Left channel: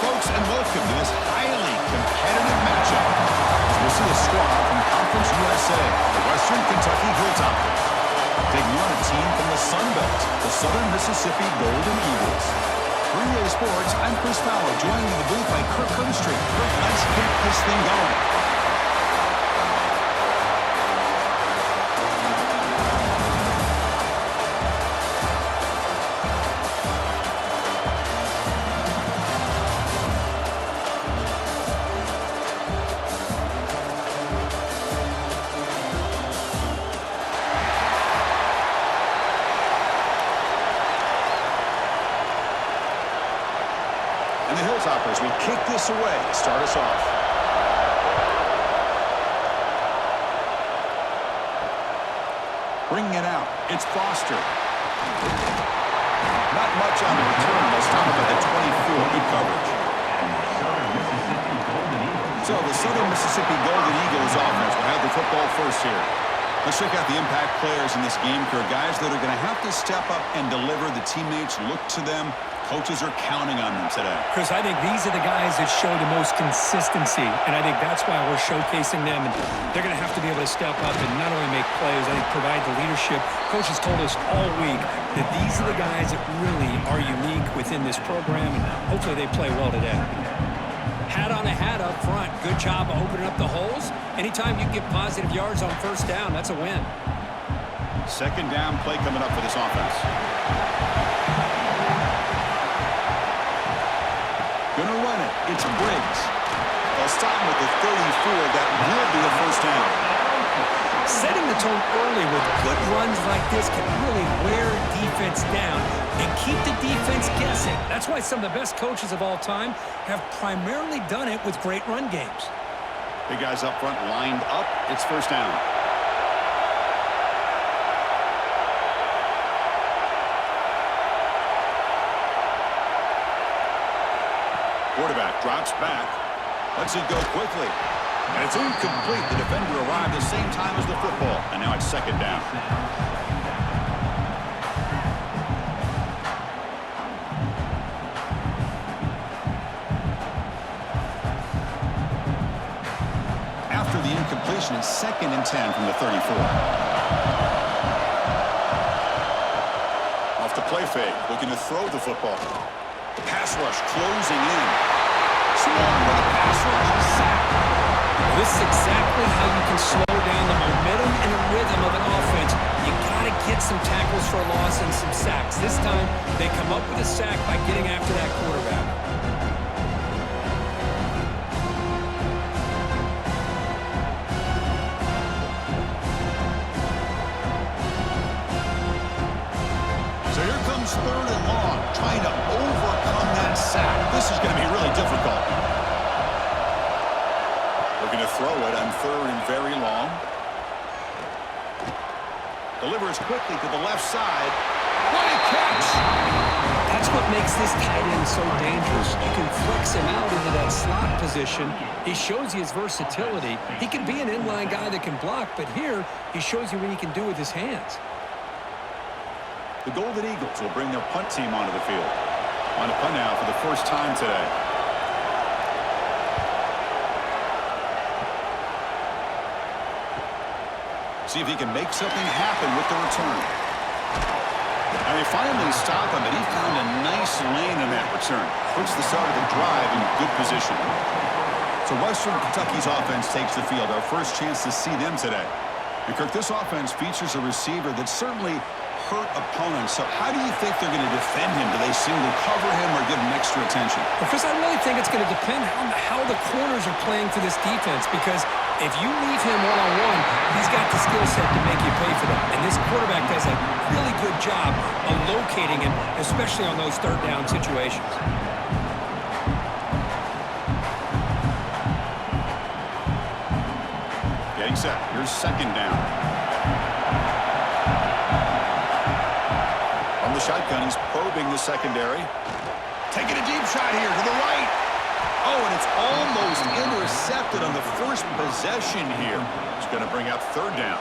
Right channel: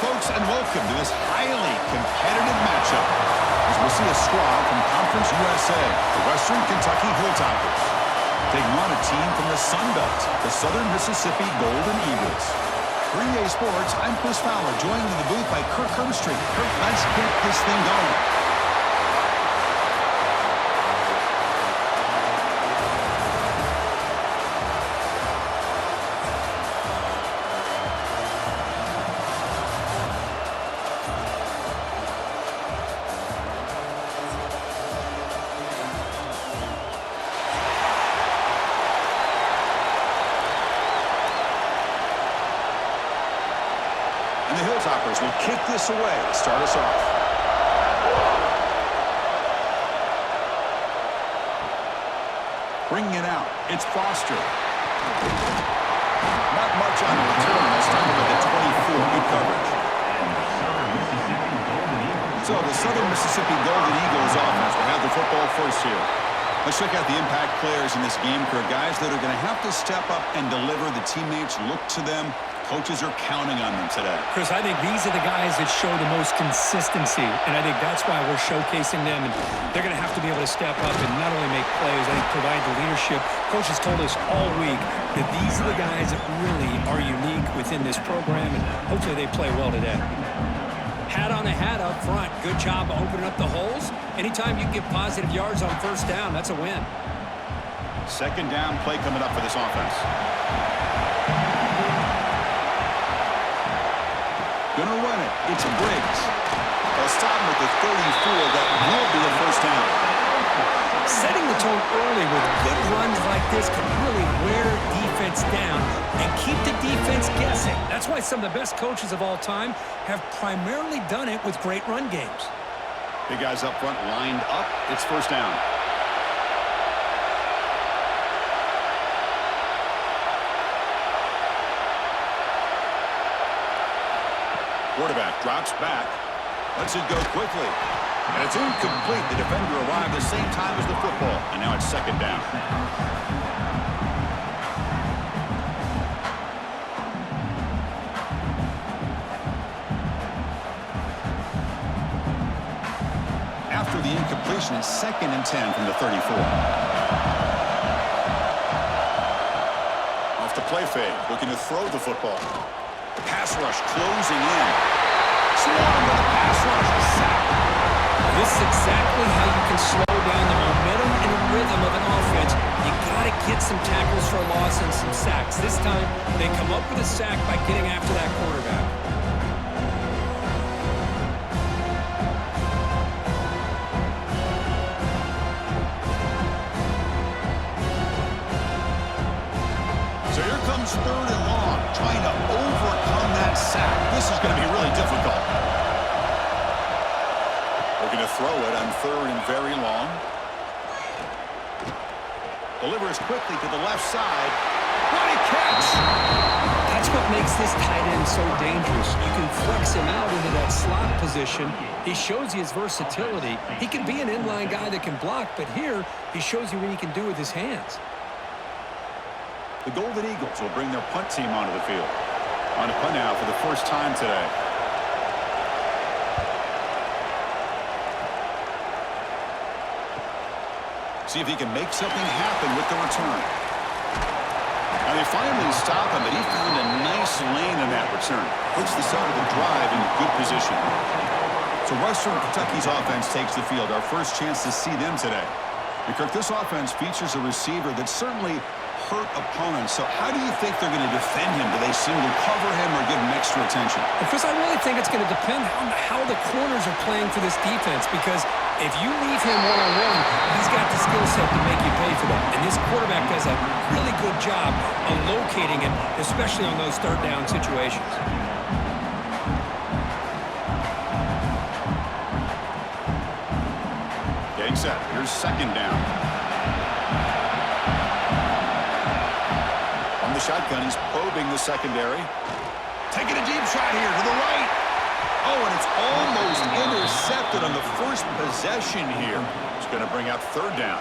folks, and welcome to this highly competitive matchup as we'll see a squad from Conference USA, the Western Kentucky Hilltoppers, taking on a team from the Sun Belt, the Southern Mississippi Golden Eagles. For EA Sports, I'm Chris Fowler, joined in the booth by Kirk Herbstreit. Kirk, let's get this thing going. And the Hilltoppers will kick this away to start us off. Bringing it out, it's Foster. Not much on the return. They'll stop him at the 24. Good coverage. So the Southern Mississippi Golden Eagles offense will have the football first here. Let's check out the impact players in this game, Kirk. Guys that are going to have to step up and deliver. The teammates look to them. Coaches are counting on them today. Chris, I think these are the guys that show the most consistency, and I think that's why we're showcasing them. And they're going to have to be able to step up and not only make plays, I think provide the leadership. Coaches told us all week that these are the guys that really are unique within this program, and hopefully they play well today. Hat on a hat up front. Good job of opening up the holes. Anytime you get positive yards on first down, that's a win. Second down play coming up for this offense. Gonna run it. It's Briggs. They'll stop him at the 34. That will be a first down. Setting the tone early with good runs like this can really wear defense down and keep the defense guessing. That's why some of the best coaches of all time have primarily done it with great run games. Big guys up front lined up. It's first down. Quarterback drops back. Lets it go quickly. And it's incomplete. The defender arrived the same time as the football. And now it's second down. After the incompletion, it's 2nd and 10 from the 34. Off the play fake, looking to throw the football. The pass rush closing in. Swarmed by the pass rush. Sack. Well, this is exactly how you can slow down the momentum and the rhythm of an offense. You got to get some tackles for a loss and some sacks. This time, they come up with a sack by getting after that quarterback. So here comes 3rd and long, trying to overcome that sack. This is going to be really difficult. Looking to throw it on 3rd and very long. Delivers quickly to the left side. What a catch! That's what makes this tight end so dangerous. You can flex him out into that slot position. He shows you his versatility. He can be an inline guy that can block, but here he shows you what he can do with his hands. The Golden Eagles will bring their punt team onto the field. On a punt now for the first time today. See if he can make something happen with the return. And they finally stop him, but he found a nice lane in that return. Puts the start of the drive in good position. So Western Kentucky's offense takes the field. Our first chance to see them today. And Kirk, this offense features a receiver that certainly hurt opponents. So how do you think they're going to defend him? Do they single cover him or give him extra attention? Well, Chris, I really think it's going to depend on how the corners are playing for this defense, because if you leave him one-on-one, he's got the skill set to make you pay for that. And this quarterback does a really good job of locating him, especially on those 3rd down situations. Getting set. Here's 2nd down. On the shotgun, he's probing the secondary. Taking a deep shot here to the right. Oh, and it's almost intercepted on the first possession here. It's going to bring up 3rd down.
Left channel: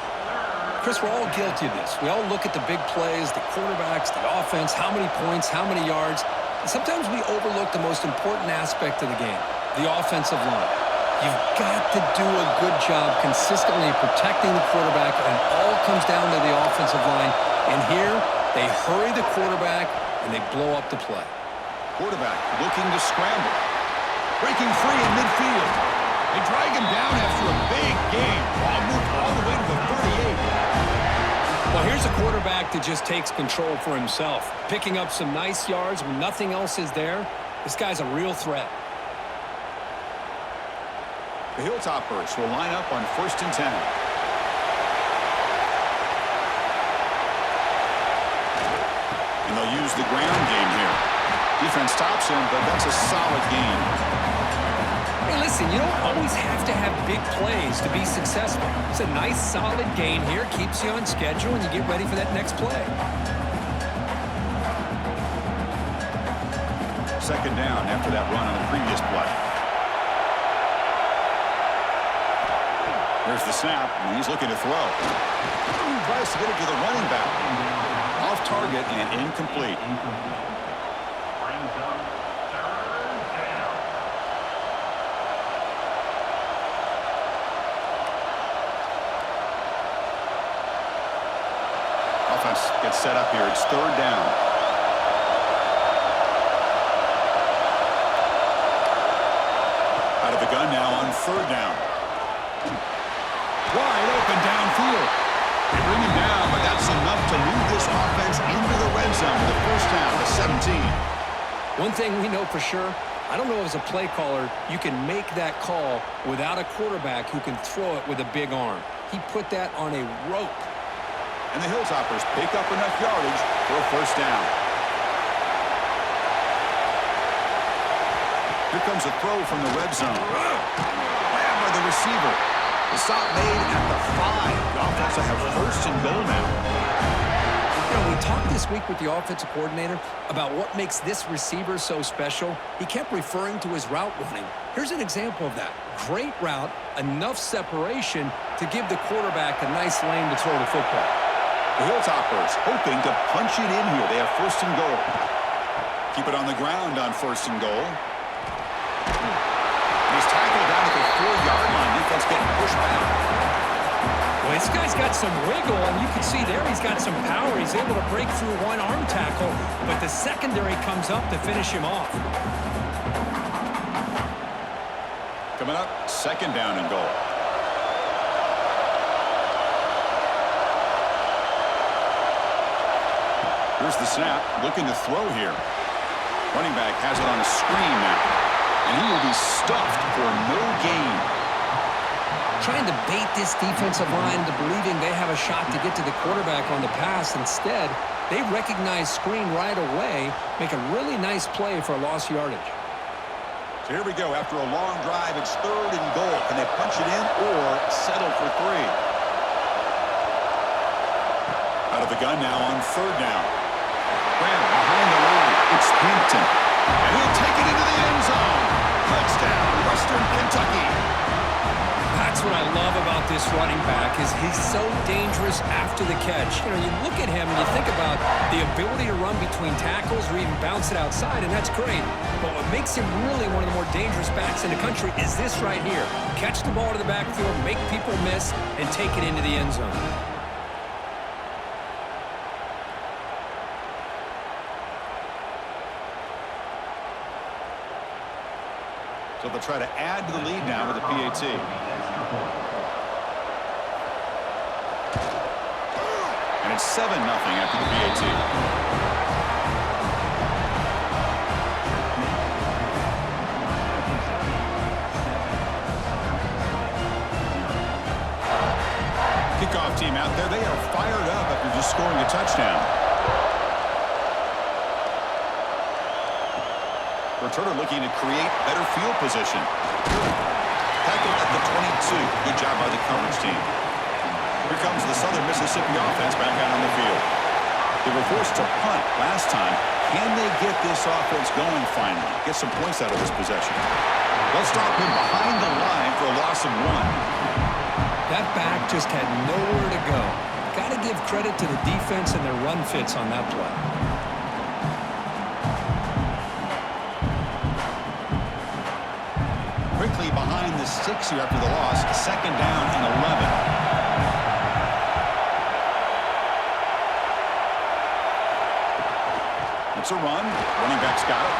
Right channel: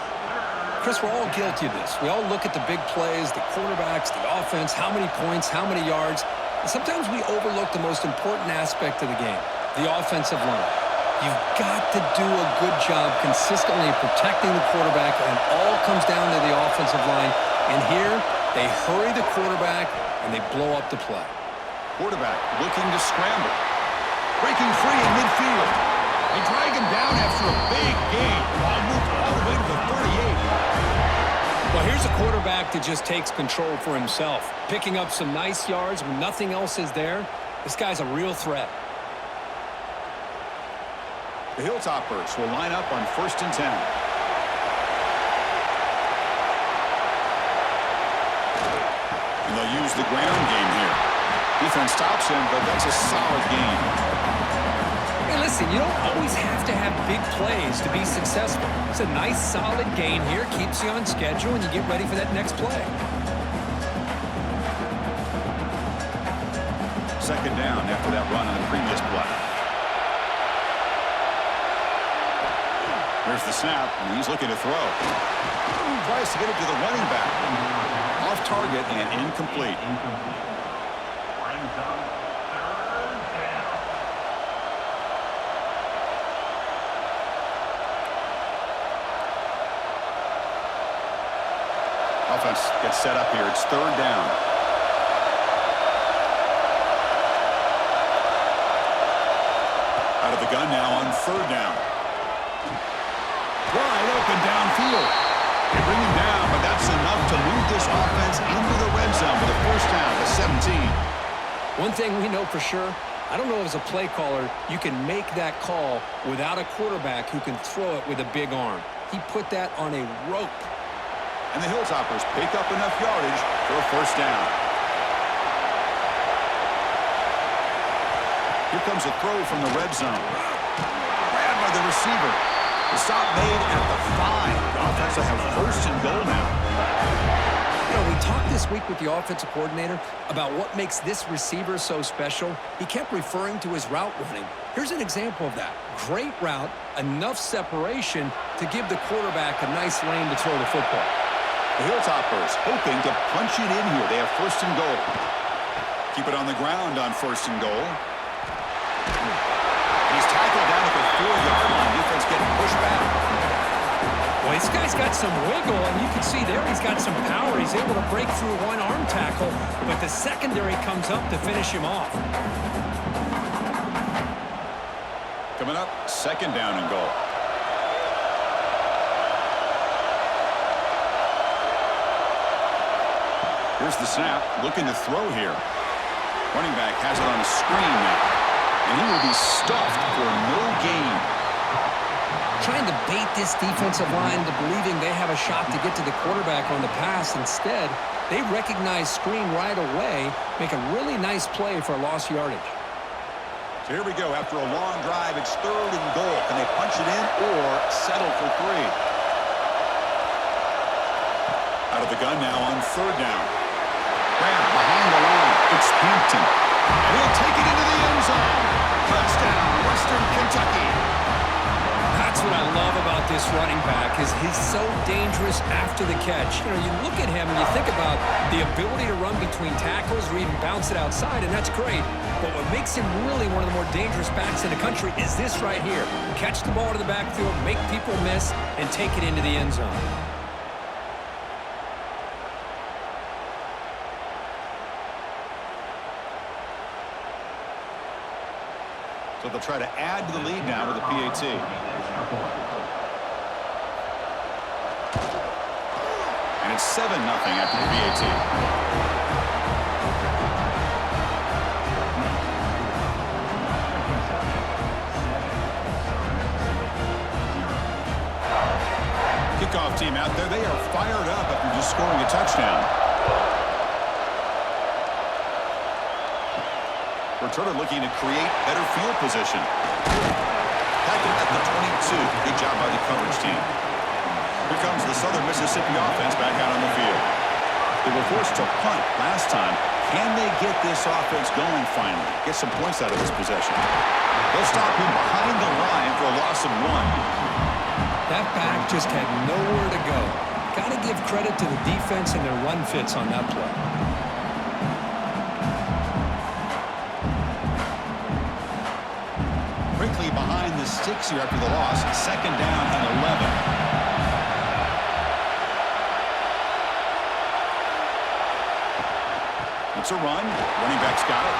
Chris, we're all guilty of this. We all look at the big plays, the quarterbacks, the offense, how many points, how many yards. Sometimes we overlook the most important aspect of the game, the offensive line. You've got to do a good job consistently protecting the quarterback, and it all comes down to the offensive line. And here, they hurry the quarterback, and they blow up the play. Quarterback looking to scramble. Breaking free in midfield. They drag him down after a big gain. Ball moved all the way to the 38. Well, here's a quarterback that just takes control for himself, picking up some nice yards when nothing else is there. This guy's a real threat. The Hilltoppers will line up on 1st and 10. And they'll use the ground game here. Defense stops him, but that's a solid gain. Hey, listen, you don't always have to have big plays to be successful. It's a nice, solid gain here, keeps you on schedule, and you get ready for that next play. 2nd down after that run on the previous play. Here's the snap, and he's looking to throw. Tries to get it to the running back. Off target and incomplete. Offense gets set up here. It's 3rd down. Out of the gun now on 3rd down. Wide open downfield. They bring him down, but that's enough to move this offense into the red zone with a 1st down to 17. One thing we know for sure, I don't know as a play caller, you can make that call without a quarterback who can throw it with a big arm. He put that on a rope. And the Hilltoppers pick up enough yardage for a 1st down. Here comes a throw from the red zone. Grabbed by the receiver. The stop made at the 5. The offense will have 1st and goal now. You know, we talked this week with the offensive coordinator about what makes this receiver so special. He kept referring to his route running. Here's an example of that. Great route, enough separation to give the quarterback a nice lane to throw the football. The Hilltoppers hoping to punch it in here. They have 1st and goal. Keep it on the ground on 1st and goal. And he's tackled down at the 4-yard line. Defense getting pushed back. Well, this guy's got some wiggle, and you can see there he's got some power. He's able to break through one arm tackle, but the secondary comes up to finish him off. Coming up, 2nd down and goal. Here's the snap, looking to throw here. Running back has it on a screen now. And he will be stuffed for no gain. Trying to bait this defensive line into believing they have a shot to get to the quarterback on the pass. Instead, they recognize screen right away, make a really nice play for a lost yardage. So here we go. After a long drive, it's 3rd and goal. Can they punch it in or settle for 3? Out of the gun now on 3rd down. Graham behind the line. It's Hampton. And he'll take it into the end zone. Touchdown, Western Kentucky. That's what I love about this running back is he's so dangerous after the catch. You know, you look at him and you think about the ability to run between tackles or even bounce it outside, and that's great. But what makes him really one of the more dangerous backs in the country is this right here. Catch the ball to the backfield, make people miss, and take it into the end zone. So they'll try to add to the lead now with the PAT. And it's 7-0 after the PAT. Kickoff team out there. They are fired up after just scoring a touchdown. Returner looking to create better field position. Tackled at the 22. Good job by the coverage team. Here comes the Southern Mississippi offense back out on the field. They were forced to punt last time. Can they get this offense going finally? Get some points out of this possession. They'll stop him behind the line for a loss of 1. That back just had nowhere to go. Got to give credit to the defense and their run fits on that play. quickly behind the sticks here after the loss. 2nd down and 11. It's a run. Running back's got it.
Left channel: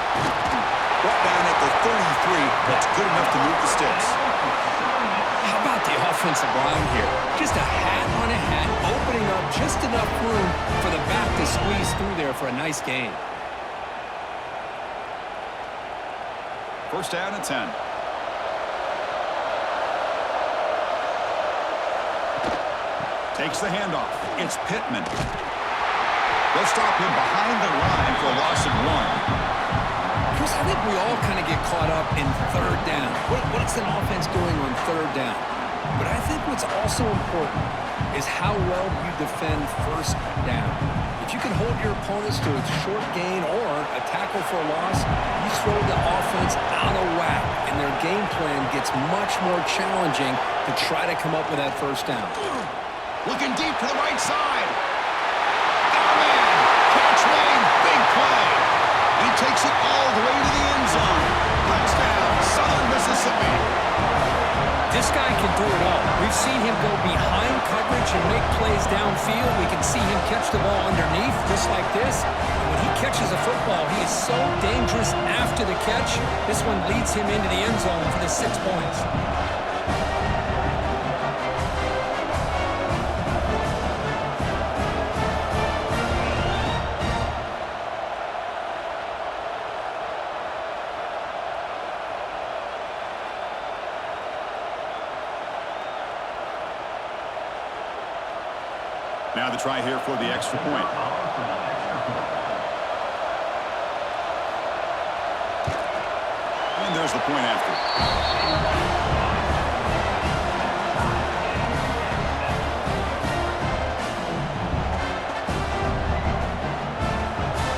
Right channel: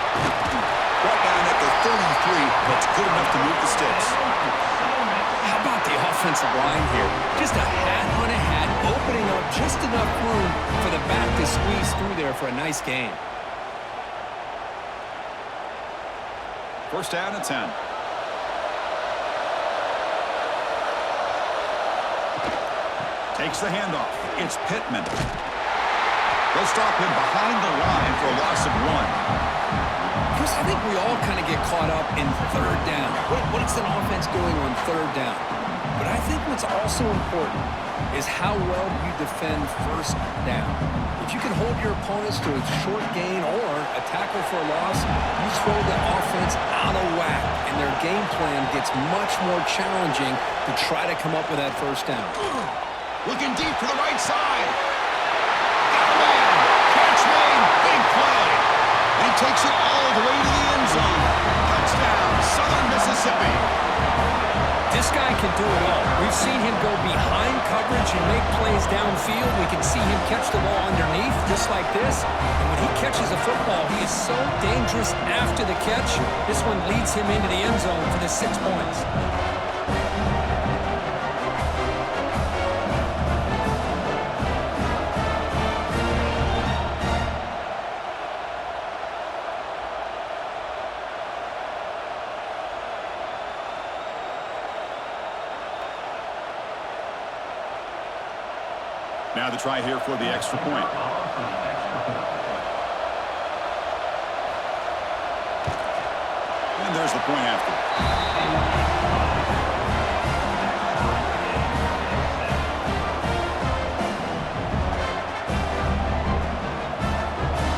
Brought down at the 33. That's good enough to move the sticks. How about the offensive line here? Just a hat on a hat, opening up just enough room for the back to squeeze through there for a nice gain. 1st down and 10. Takes the handoff. It's Pittman. They'll stop him behind the line for a loss of 1. Chris, I think we all kind of get caught up in 3rd down. What's an offense doing on 3rd down? But I think what's also important is how well you defend 1st down. If you can hold your opponents to a short gain or a tackle for a loss, you throw the offense out of whack, and their game plan gets much more challenging to try to come up with that 1st down. Looking deep for the right side. Got a man. Catch made. Big play. And he takes it all the way to the end zone. Touchdown, Southern Mississippi. This guy can do it all. We've seen him go behind coverage and make plays downfield. We can see him catch the ball underneath, just like this. And when he catches a football, he is so dangerous after the catch. This one leads him into the end zone for the 6 points. Now the try here for the extra point. And there's the point after.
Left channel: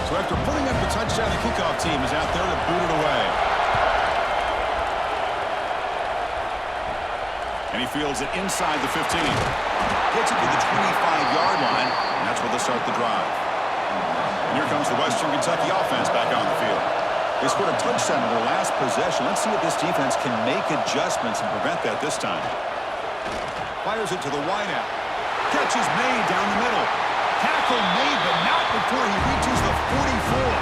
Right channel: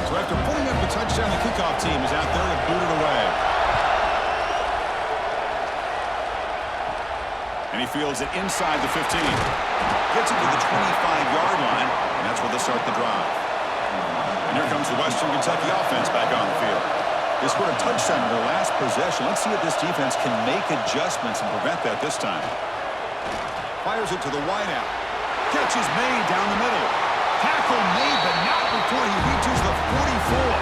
So after pulling up the touchdown, the kickoff team is out there to boot it away. And he fields it inside the 15. Gets it to the 25-yard line, and that's where they'll start the drive. And here comes the Western Kentucky offense back on the field. They scored a touchdown in their last possession. Let's see if this defense can make adjustments and prevent that this time. Fires it to the wideout. Catch is made down the middle. Tackle made, but not before he reaches the 44.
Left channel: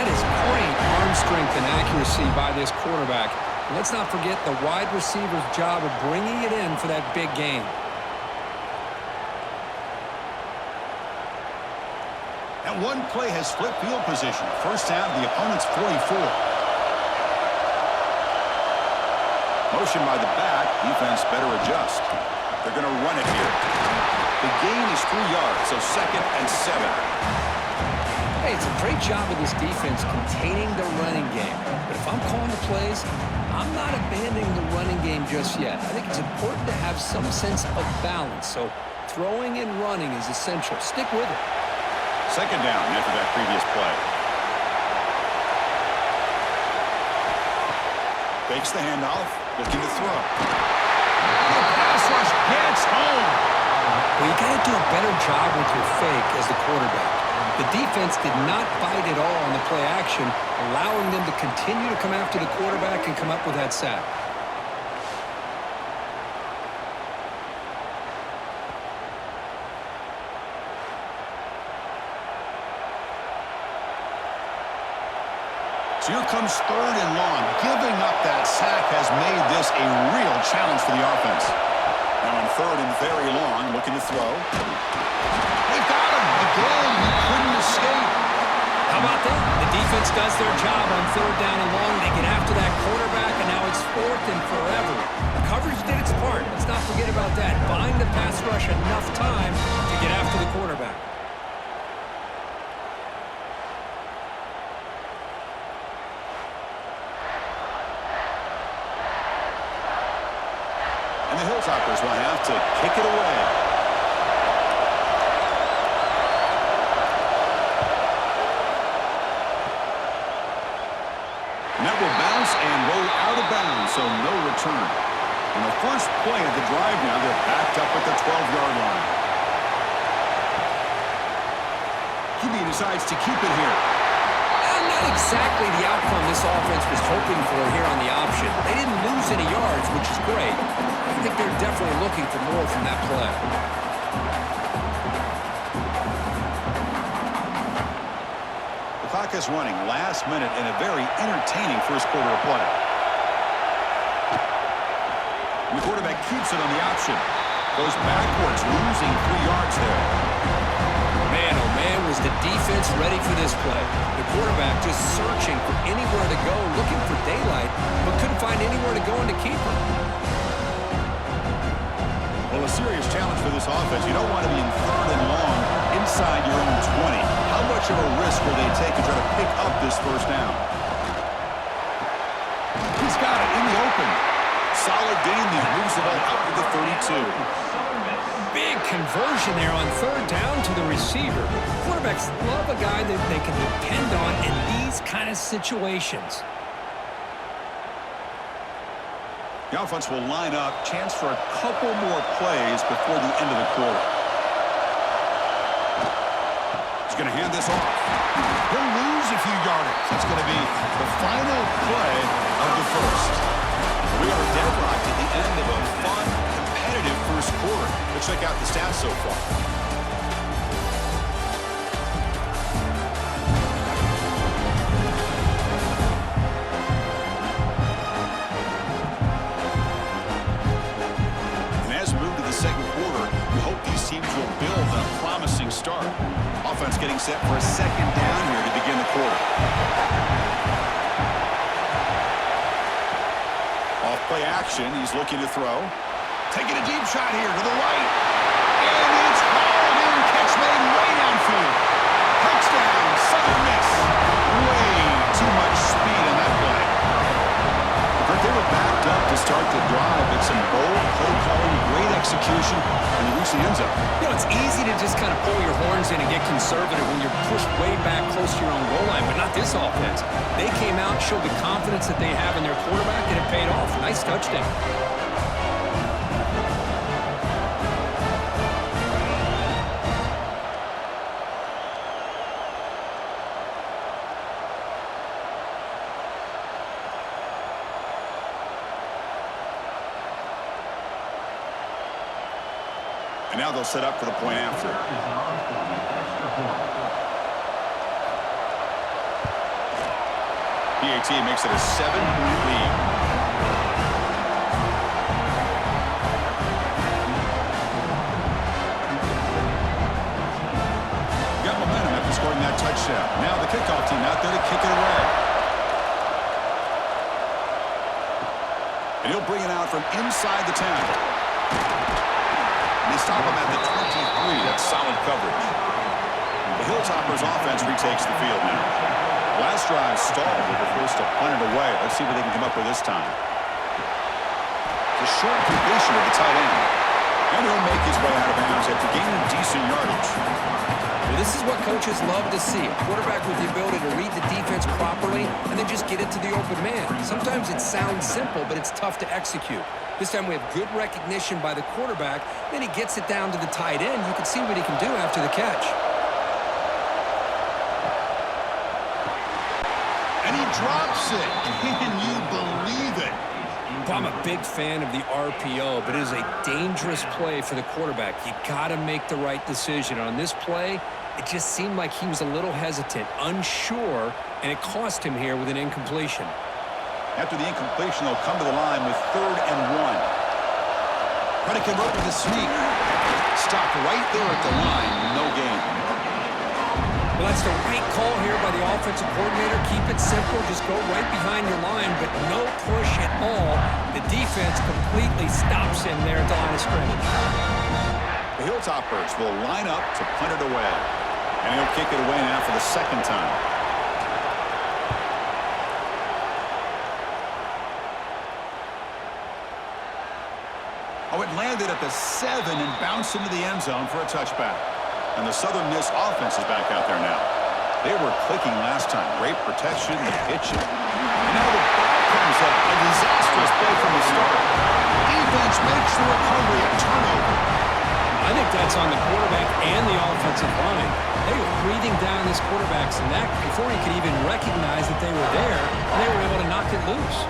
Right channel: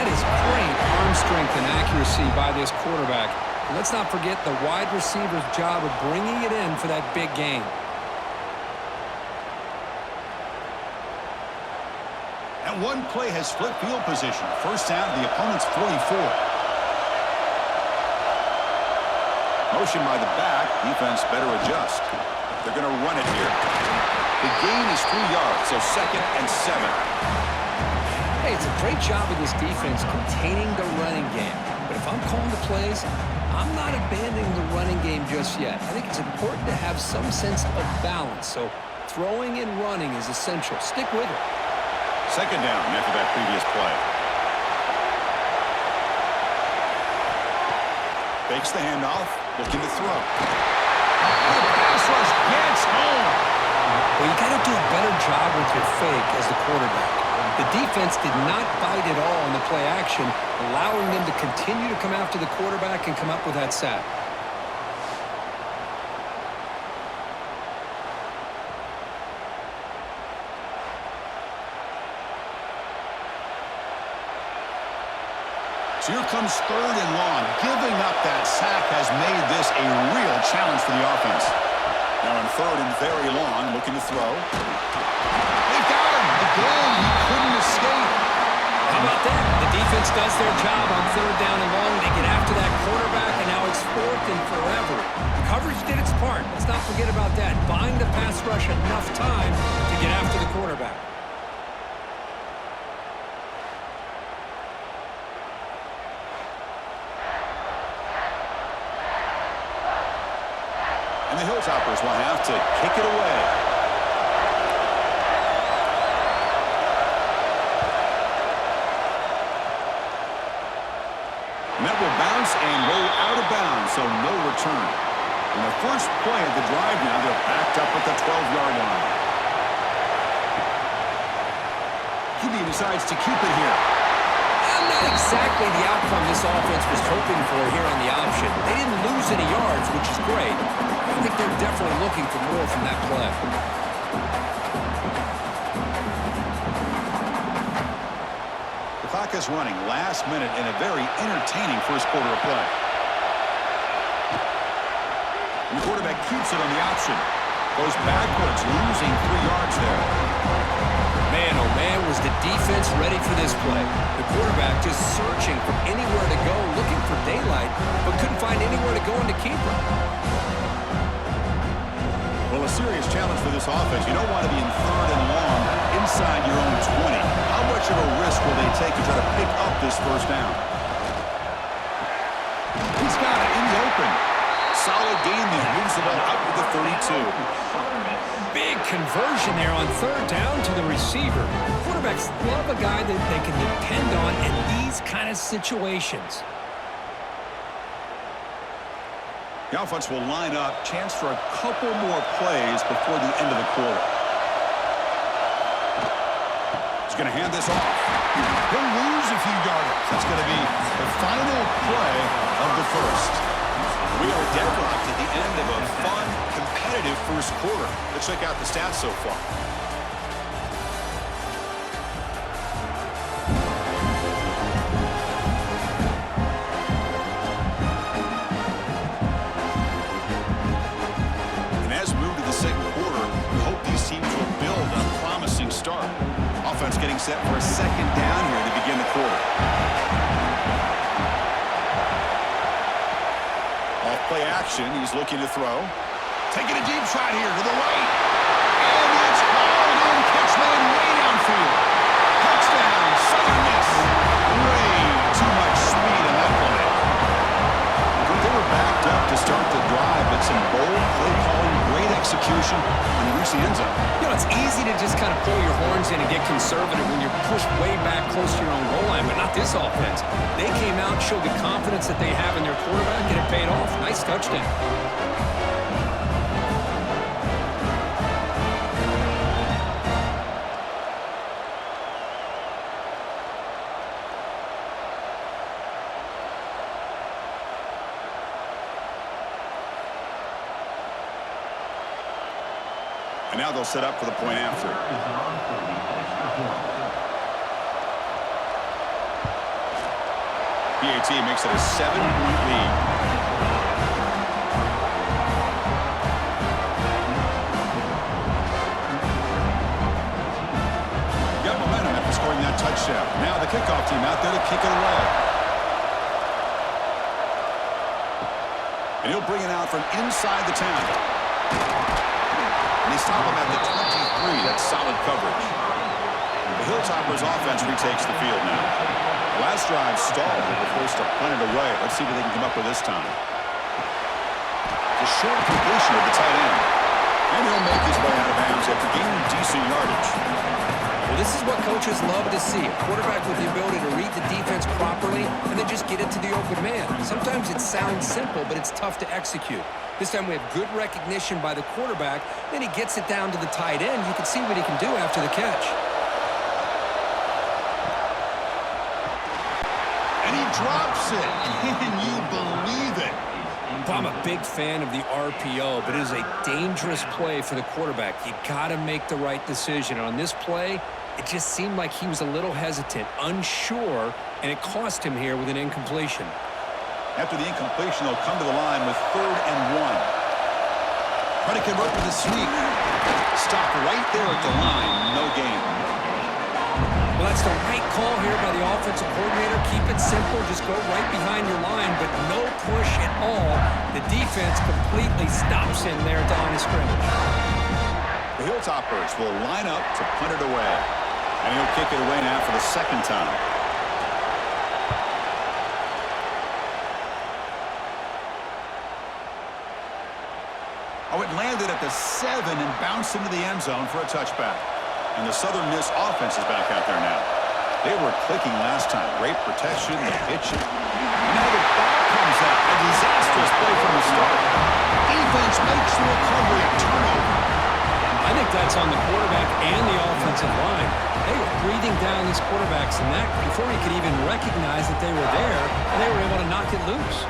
That is great arm strength and accuracy by this quarterback. And let's not forget the wide receiver's job of bringing it in for that big gain. That one play has flipped field position. 1st down to the opponent's 44. Motion by the back. Defense better adjust. They're going to run it here. The gain is 3 yards, so 2nd and 7. Hey, it's a great job of this defense containing the running game. But if I'm calling the plays, I'm not abandoning the running game just yet. I think it's important to have some sense of balance. So throwing and running is essential. Stick with it. 2nd down after that previous play. Fakes the handoff, looking to throw. The pass rush gets home. Well, you got to do a better job with your fake as the quarterback. The defense did not bite at all on the play action, allowing them to continue to come after the quarterback and come up with that sack. So here comes 3rd and long. Giving up that sack has made this a real challenge for the offense. Now in 3rd and very long, looking to throw. They've got him. Again, he couldn't escape. How about that? The defense does their job on 3rd down and long. They get after that quarterback, and now it's 4th and forever. Coverage did its part. Let's not forget about that. Buying the pass rush enough time to get after the quarterback. And the Hilltoppers will have to kick it away. And that will bounce and roll out of bounds, so no return. In the first play of the drive now, they're backed up at the 12-yard line. QB decides to keep it here. Not exactly the outcome this offense was hoping for here on the option. They didn't lose any yards, which is great. I think they're definitely looking for more from that play. The clock is running last minute in a very entertaining first quarter of play. And the quarterback keeps it on the option. Goes backwards, losing 3 yards there. Man, oh man, was the defense ready for this play. The quarterback just searching for anywhere to go, looking for daylight, but couldn't find anywhere to go in the keeper. Well, a serious challenge for this offense. You don't want to be in 3rd and long inside your own 20. How much of a risk will they take to try to pick up this first down? He's got it in the open. Solid gain there. Moves the ball out to the 32. Big conversion there on 3rd down to the receiver. Quarterbacks love a guy that they can depend on in these kind of situations. The offense will line up. Chance for a couple more plays before the end of the quarter. He's going to hand this off. He'll lose a few yardage. That's going to be the final play of the first. We are deadlocked at the end of a fun, competitive first quarter. Let's check out the stats so far. And as we move to the second quarter, we hope these teams will build on a promising start. Offense getting set for a second down here to begin the quarter. Off play action, he's looking to throw. Taking a deep shot here to the right. And it's hauled in. Catch made way downfield. Touchdown, Southern Miss. Way too much speed on that play. They were backed up to start the drive, but some bold play calling, great execution, and they reached the end zone. You know, it's easy to just kind of pull your horns in and get conservative when you're pushed way back close to your own goal line, but not this offense. They came out, showed the confidence that they have in their quarterback, and it paid off. Nice touchdown. And now they'll set up for the point after. PAT makes it a 7-point lead. Got momentum after scoring that touchdown. Now the kickoff team out there to kick it away. And he'll bring it out from inside the 10. And they stop him at the 23. That's solid coverage. The Hilltoppers offense retakes the field now. Last drive stalled. They were forced to punt it away. Let's see what they can come up with this time. The short completion of the tight end. And he'll make his way out of bounds after gaining decent yardage. Well, this is what coaches love to see. A quarterback with the ability to read the defense properly and then just get it to the open man. Sometimes it sounds simple, but it's tough to execute. This time we have good recognition by the quarterback. Then he gets it down to the tight end. You can see what he can do after the catch. And he drops it. Can you believe it? Well, I'm a big fan of the RPO, but it is a dangerous play for the quarterback. You got to make the right decision. On this play, it just seemed like he was a little hesitant, unsure, and it cost him here with an incompletion. After the incompletion, they'll come to the line with 3rd and 1. Try to convert with a sneak. Stop right there at the line. No gain. Well, that's the right call here by the offensive coordinator. Keep it simple. Just go right behind your line, but no push at all. The defense completely stops him there at the line of scrimmage. The Hilltoppers will line up to punt it away. And he'll kick it away now for the second time. Oh, it landed at the 7 and bounced into the end zone for a touchback. And the Southern Miss offense is back out there now. They were clicking last time. Great protection, the pitching. And now the ball comes out. A disastrous play from the start. Defense makes the recovery a turnover. I I think that's on the quarterback and the offensive line. They were breathing down this quarterback's neck before he could even recognize that they were there, and they were able to knock it loose.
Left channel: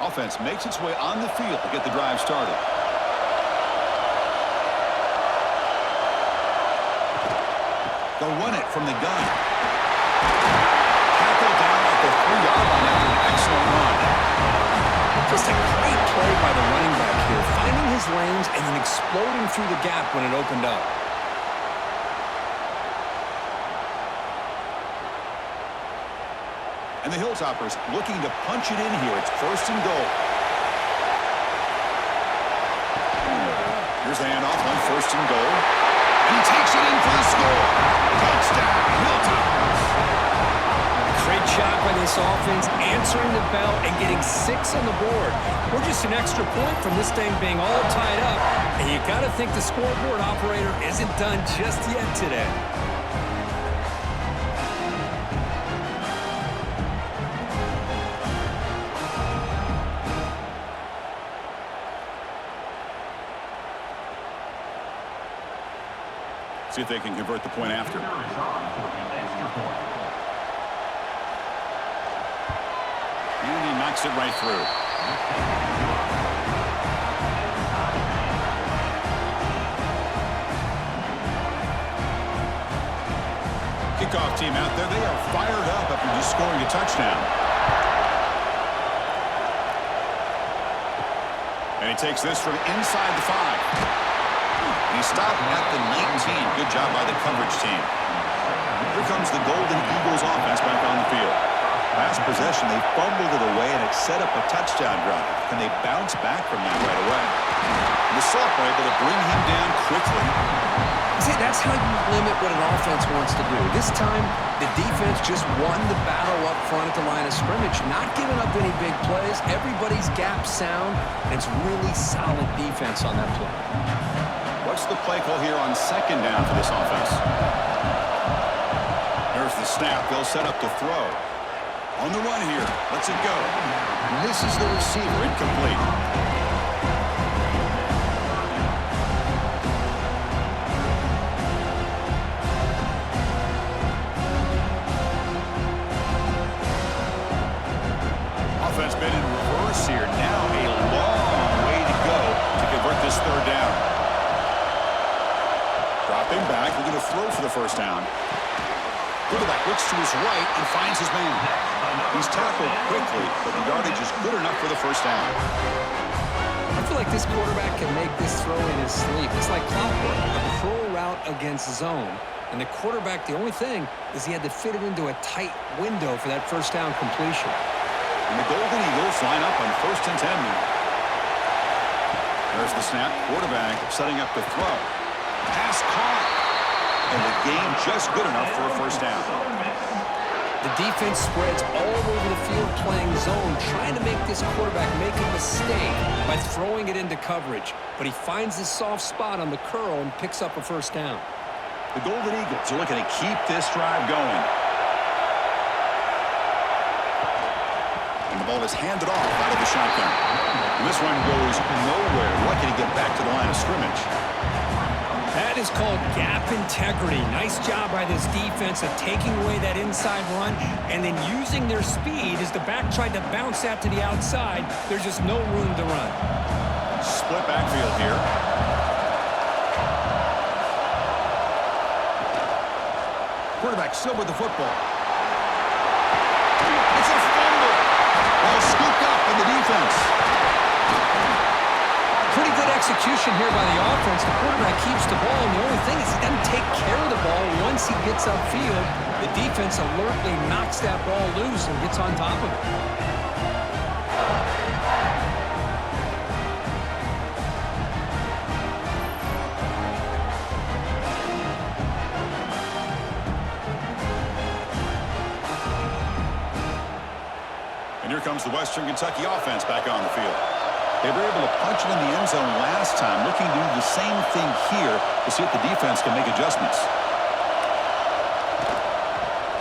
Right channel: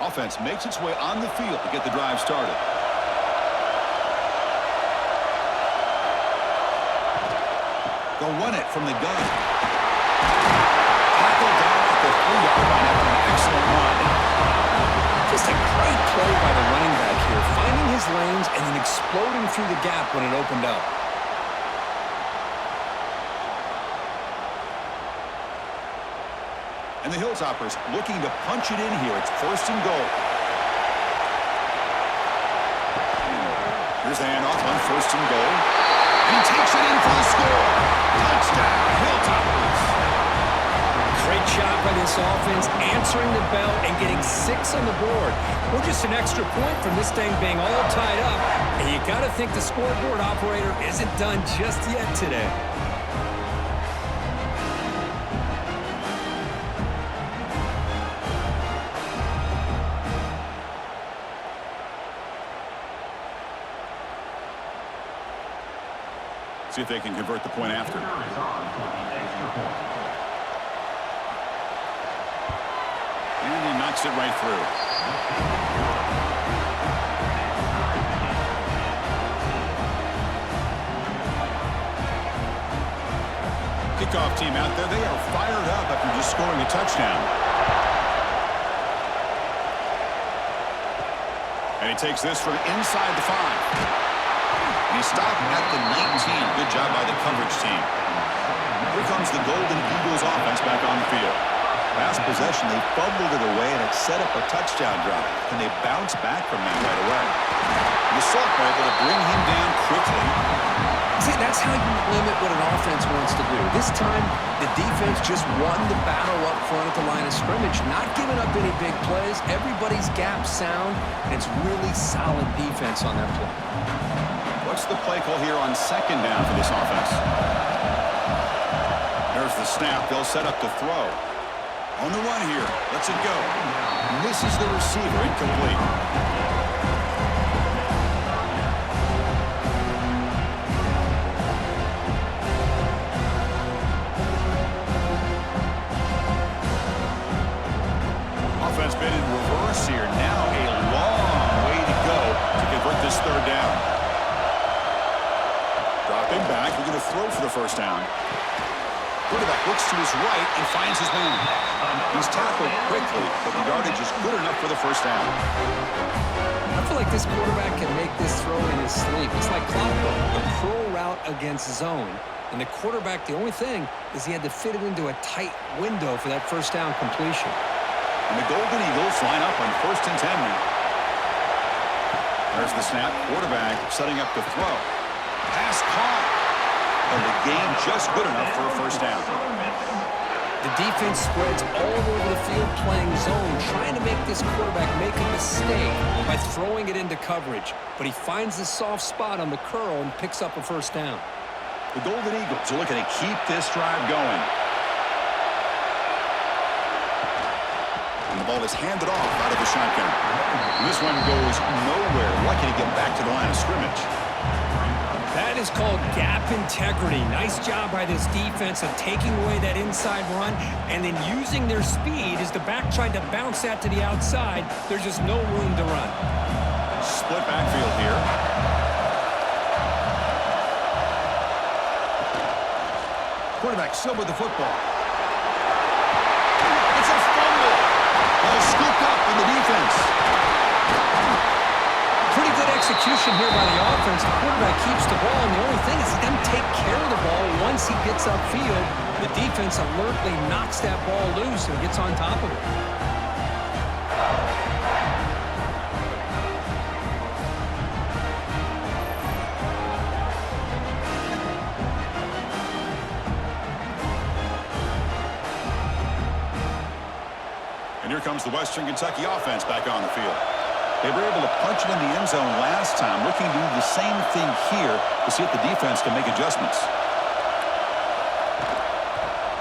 Offense makes its way on the field to get the drive started. They'll run it from the gun. Tackled down at the 3-yard line after an excellent run. Just a great play by the running back here, finding his lanes and then exploding through the gap when it opened up. And the Hilltoppers looking to punch it in here. It's 1st and goal. Here's the handoff on 1st and goal. And he takes it in for the score. Touchdown, Hilltoppers. Great job by this offense, answering the bell and getting 6 on the board. We're just an extra point from this thing being all tied up. And you got to think the scoreboard operator isn't done just yet today. See if they can convert the point after. And he knocks it right through. Kickoff team out there, they are fired up after just scoring a touchdown. And he takes this from inside the 5. And he stopped at the 19. Good job by the coverage team. Here comes the Golden Eagles offense back on the field. Last possession, they fumbled it away, and it set up a touchdown drive. Can they bounce back from that right away? And the sophomore able to bring him down quickly. See, that's how you limit what an offense wants to do. This time, the defense just won the battle up front at the line of scrimmage, not giving up any big plays. Everybody's gap sound, and it's really solid defense on that play. What's the play call here on 2nd down for this offense? There's the snap. They'll set up to throw. On the run here. Lets it go. Misses the receiver. Incomplete. Offense been in reverse here. Now a long way to go to convert this 3rd down. Dropping back, looking to throw for the 1st down. Quarterback looks to his right and finds his man. He's tackled quickly, but the yardage is good enough for the 1st down. I feel like this quarterback can make this throw in his sleep. It's like clockwork, a curl route against zone. And the quarterback, the only thing is he had to fit it into a tight window for that 1st down completion. And the Golden Eagles line up on 1st and 10 now. There's the snap. Quarterback setting up to throw. Pass caught. And the game just good enough for a 1st down. The defense spreads all over the field playing zone, trying to make this quarterback make a mistake by throwing it into coverage. But he finds the soft spot on the curl and picks up a 1st down. The Golden Eagles are looking to keep this drive going. And the ball is handed off out of the shotgun. And this one goes nowhere. Lucky to get back to the line of scrimmage. That is called gap integrity. Nice job by this defense of taking away that inside run and then using their speed as the back tried to bounce that to the outside. There's just no room to run. Split backfield here. Quarterback still with the football. It's a fumble. Ball scooped up in the defense. Pretty good execution here by the offense. The quarterback keeps the ball, and the only thing is he doesn't take care of the ball once he gets upfield. The defense alertly knocks that ball loose and gets on top of it. And here comes the Western Kentucky offense back on the field. They were able to punch it in the end zone last time, looking to do the same thing here to see if the defense can make adjustments.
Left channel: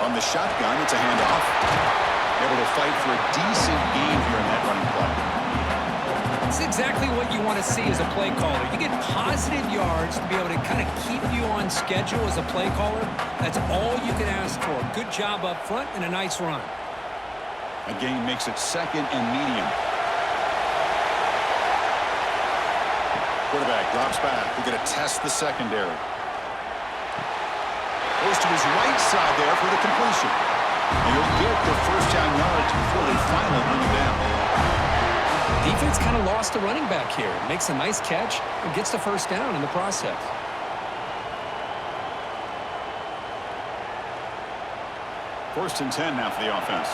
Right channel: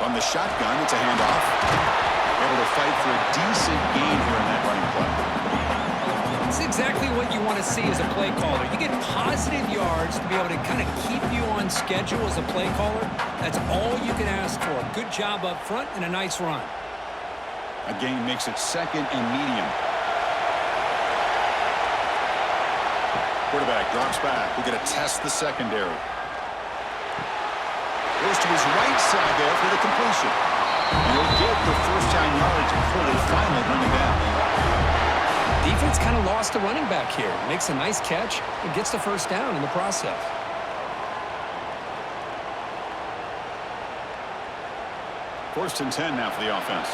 From the shotgun, it's a handoff. Able to fight for a decent gain here in that running play. It's exactly what you want to see as a play caller. You get positive yards to be able to kind of keep you on schedule as a play caller. That's all you can ask for. Good job up front and a nice run. A gain makes it 2nd and medium. Quarterback drops back. We're going to test the secondary. Goes to his right side there for the completion. And he'll get the first down yards before they finally bring him down. Defense kind of lost a running back here. Makes a nice catch and gets the first down in the process. First and 10 now for the offense.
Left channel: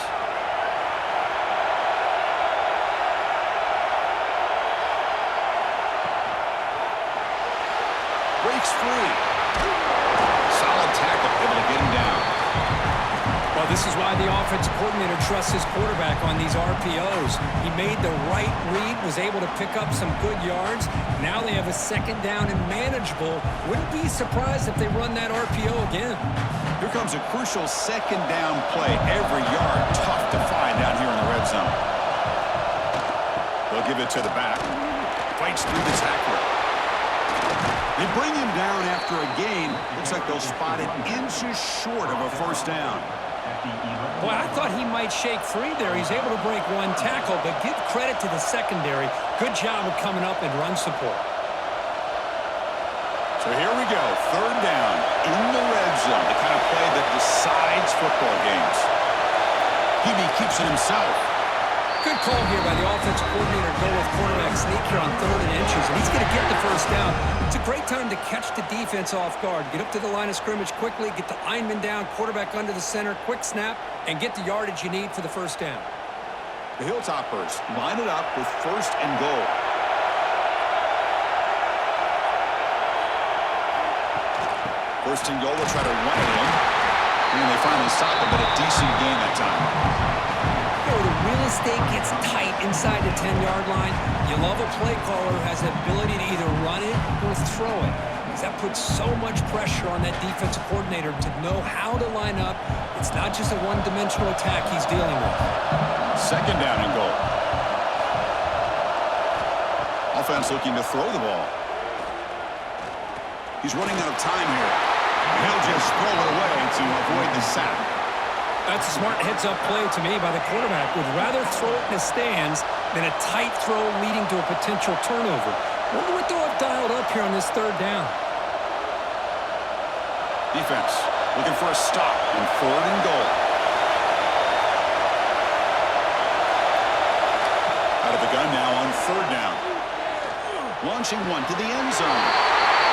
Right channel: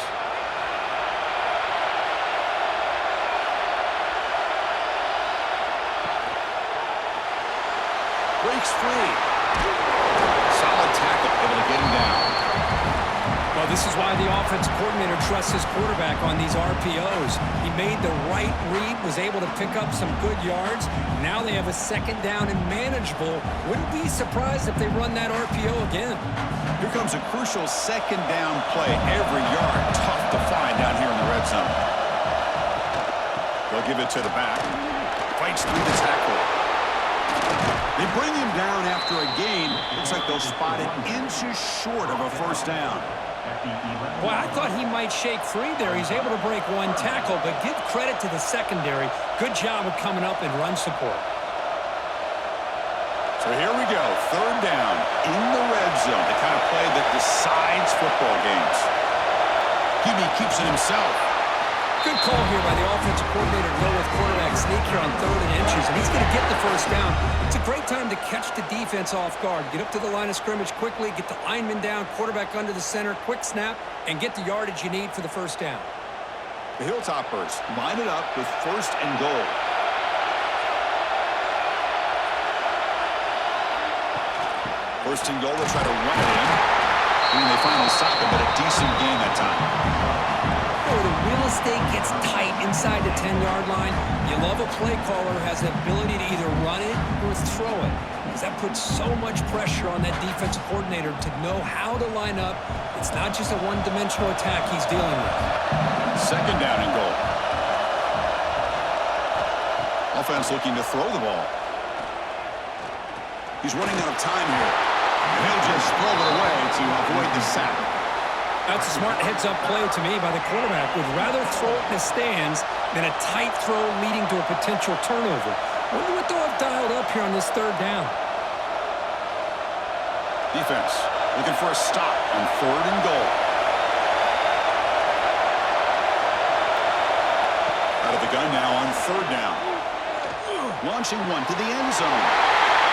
Breaks free. Solid tackle, able to get him down. Well, this is why the offensive coordinator trusts his quarterback on these RPOs. He made the right read, was able to pick up some good yards. Now they have a 2nd down and manageable. Wouldn't be surprised if they run that RPO again. Here comes a crucial 2nd down play. Every yard tough to find down here in the red zone. They'll give it to the back. Fights through the tackler. They bring him down after a gain. Looks like they'll spot it inches short of a first down. Well, I thought he might shake free there. He's able to break one tackle, but give credit to the secondary. Good job of coming up and run support. So here we go. 3rd down in the red zone. The kind of play that decides football games. Hebe keeps it himself. Good call here by the offensive coordinator to go with quarterback sneak here on 3rd and inches, and he's going to get the first down. It's a great time to catch the defense off guard. Get up to the line of scrimmage quickly, get the lineman down, quarterback under the center, quick snap, and get the yardage you need for the first down. The Hilltoppers line it up with 1st and goal. First and goal, they'll try to run it in. And they finally stop him, but a decent gain that time. The real estate gets tight inside the 10-yard line. You love a play caller who has the ability to either run it or throw it, because that puts so much pressure on that defensive coordinator to know how to line up. It's not just a one-dimensional attack he's dealing with. 2nd down and goal. Offense looking to throw the ball. He's running out of time here, and he'll just throw it away to avoid the sack. That's a smart heads-up play to me by the quarterback. Would rather throw it in the stands than a tight throw leading to a potential turnover. Wonder what they'll have dialed up here on this 3rd down. Defense looking for a stop on 3rd and goal. Out of the gun now on 3rd down. Launching one to the end zone.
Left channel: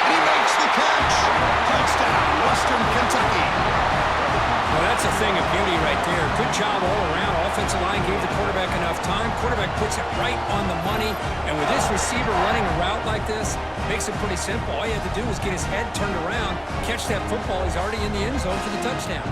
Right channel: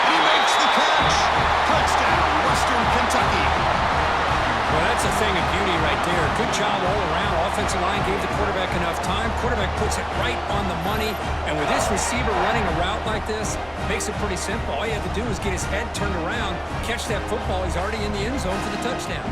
And he makes the catch. Touchdown, Western Kentucky. Well, that's a thing of beauty right there. Good job all around. Offensive line gave the quarterback enough time. Quarterback puts it right on the money. And with this receiver running a route like this, makes it pretty simple. All you have to do is get his head turned around, catch that football. He's already in the end zone for the touchdown.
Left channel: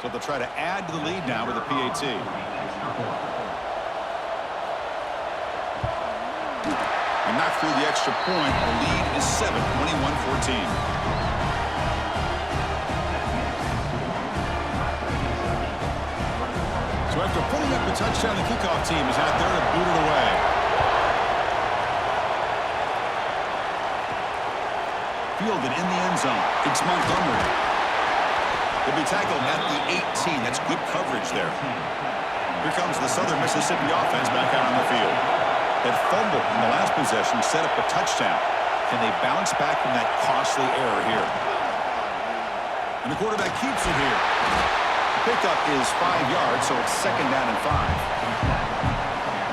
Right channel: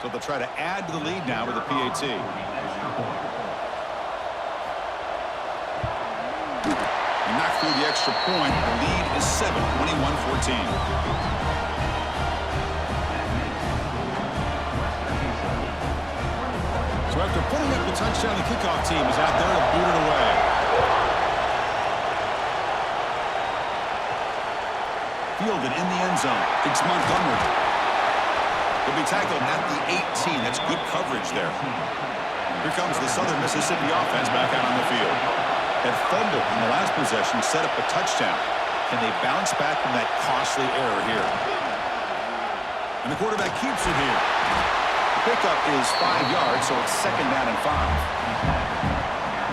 So they'll try to add to the lead now with a PAT. And knock through the extra point. The lead is 7, 21-14. So after putting up the touchdown, the kickoff team is out there to boot it away. Fielded in the end zone. It's Montgomery. He'll be tackled at the 18. That's good coverage there. Here comes the Southern Mississippi offense back out on the field. That fumble in the last possession set up a touchdown. Can they bounce back from that costly error here? And the quarterback keeps it here. The pickup is 5 yards, so it's 2nd down and 5.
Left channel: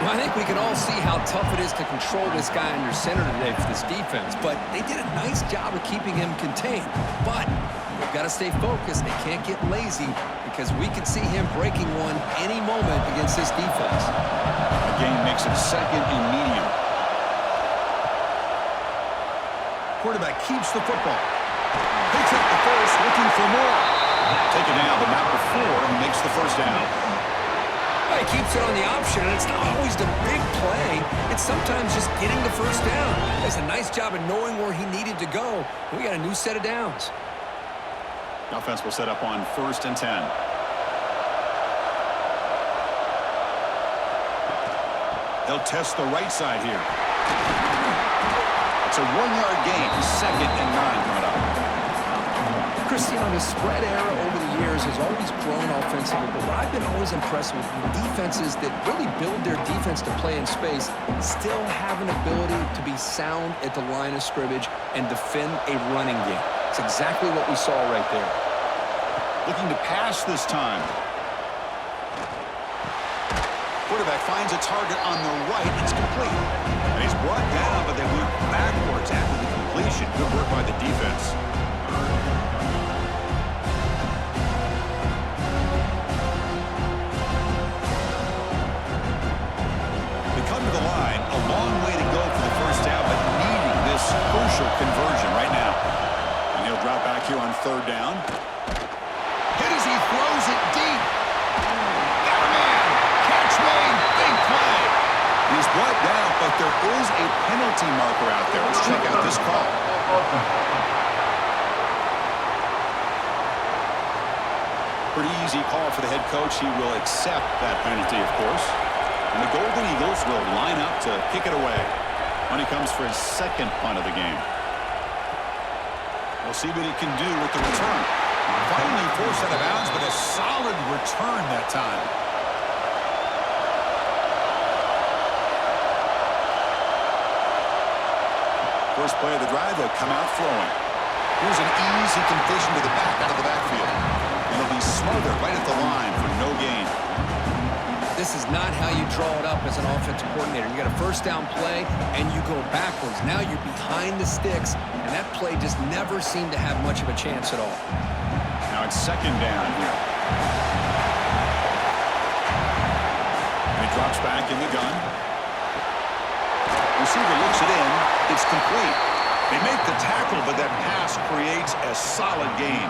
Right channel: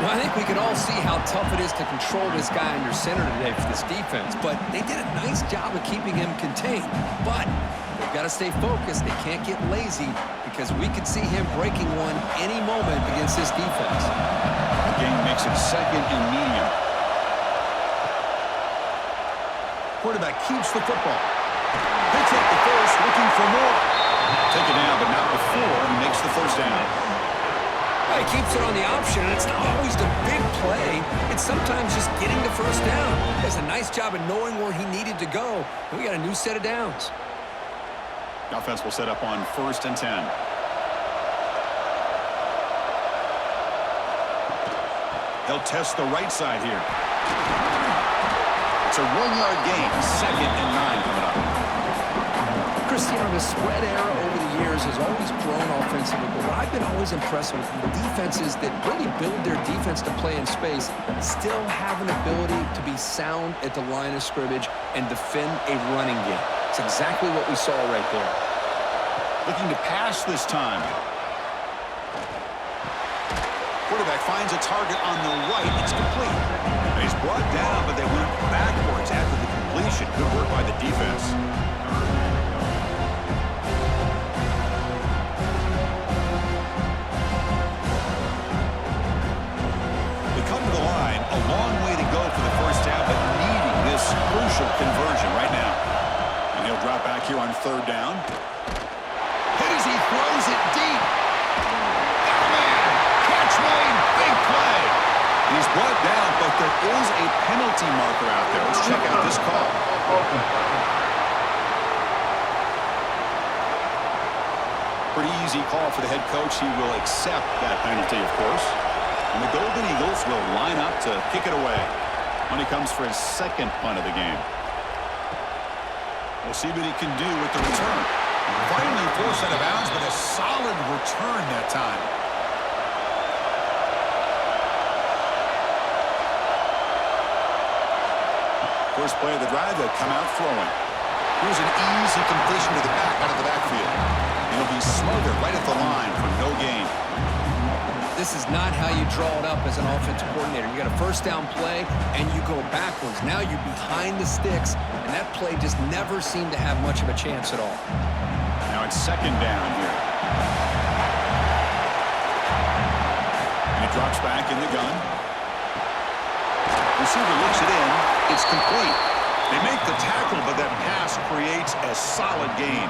Well, I think we can all see how tough it is to control this guy under center today for this defense, but they did a nice job of keeping him contained. But they've got to stay focused. They can't get lazy because we could see him breaking one any moment against this defense. The game makes it 2nd and medium. Quarterback keeps the football. Picks up the first, looking for more. Take it down, but not before he makes the first down. Well, he keeps it on the option, and it's not always the big play. It's sometimes just getting the first down. He does a nice job of knowing where he needed to go. We got a new set of downs. Offense will set up on 1st and 10. He'll test the right side here. It's a 1-yard gain. 2nd and 9 coming up. Cristiano, the spread era over the years has always grown offensively, but what I've been always impressed with defenses that really build their defense to play in space still have an ability to be sound at the line of scrimmage and defend a running game. It's exactly what we saw right there. Looking to pass this time. Quarterback finds a target on the right. It's complete. And he's brought down, but they went backwards after the completion. Good work by the defense. They come to the line. A long way to go for the first down, but needing this crucial conversion right now. And he'll drop back here on 3rd down. Hit as he throws it deep. Got a man. Catch made. Big play. He's brought down, but there is a penalty marker out there. Let's check out this call. Pretty easy call for the head coach. He will accept that penalty, of course. And the Golden Eagles will line up to kick it away when he comes for his 2nd punt of the game. We'll see what he can do with the return. Finally forced out of bounds, but a solid return that time. First play of the drive, they'll come out throwing. Here's an easy completion to the back out of the backfield. And he'll be smothered right at the line for no gain. This is not how you draw it up as an offensive coordinator. You got a first down play, and you go backwards. Now you're behind the sticks, and that play just never seemed to have much of a chance at all. Now it's 2nd down here. And he drops back in the gun. Receiver looks it in. It's complete. They make the tackle, but that pass creates a solid gain.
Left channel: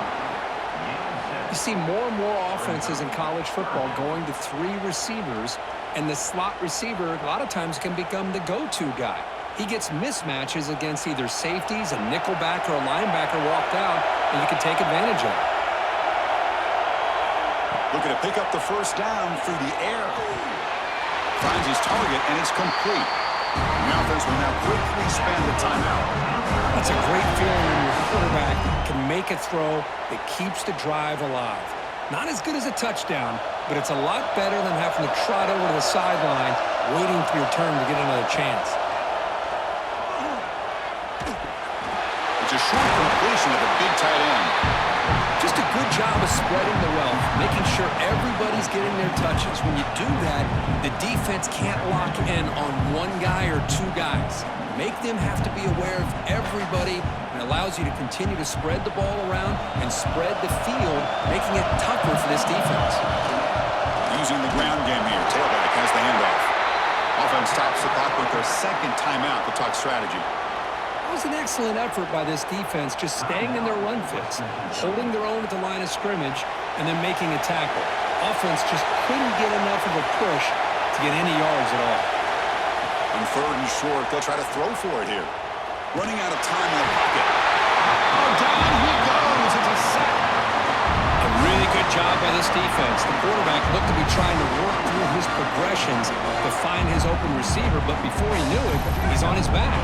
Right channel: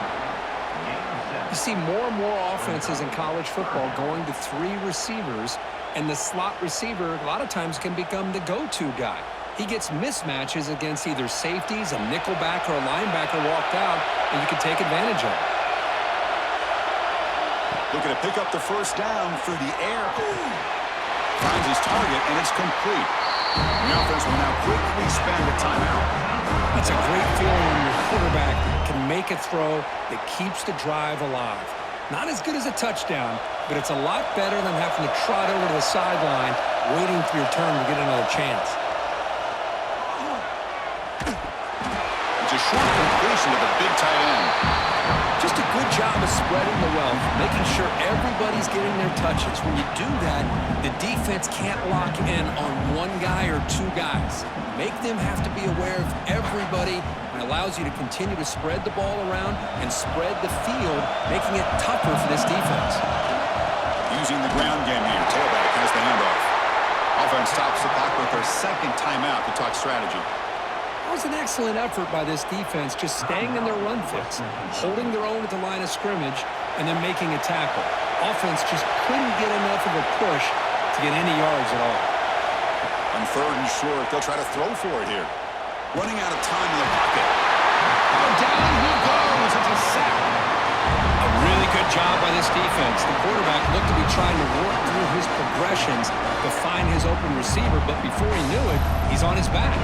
You see more and more offenses in college football going to 3 receivers, and the slot receiver a lot of times can become the go-to guy. He gets mismatches against either safeties, a nickelback, or a linebacker walked out, and you can take advantage of it. Looking to pick up the first down through the air. Finds his target, and it's complete. The offense will now quickly spend a timeout. That's a great feeling when your quarterback can make a throw that keeps the drive alive. Not as good as a touchdown, but it's a lot better than having to trot over to the sideline waiting for your turn to get another chance. It's a short completion to the big tight end. Just a good job of spreading the wealth, making sure everybody's getting their touches. When you do that, the defense can't lock in on 1 guy or 2 guys. Make them have to be aware of everybody, and allows you to continue to spread the ball around and spread the field, making it tougher for this defense. Using the ground game here. Tailback has the handoff. Offense stops the clock with their 2nd timeout to talk strategy. That was an excellent effort by this defense, just staying in their run fits, holding their own at the line of scrimmage, and then making a tackle. Offense just couldn't get enough of a push to get any yards at all. On 3rd and short, they'll try to throw for it here. Running out of time in the pocket. Oh, down he goes. It's a sack. A really good job by this defense. The quarterback looked to be trying to work through his progressions to find his open receiver, but before he knew it, he's on his back.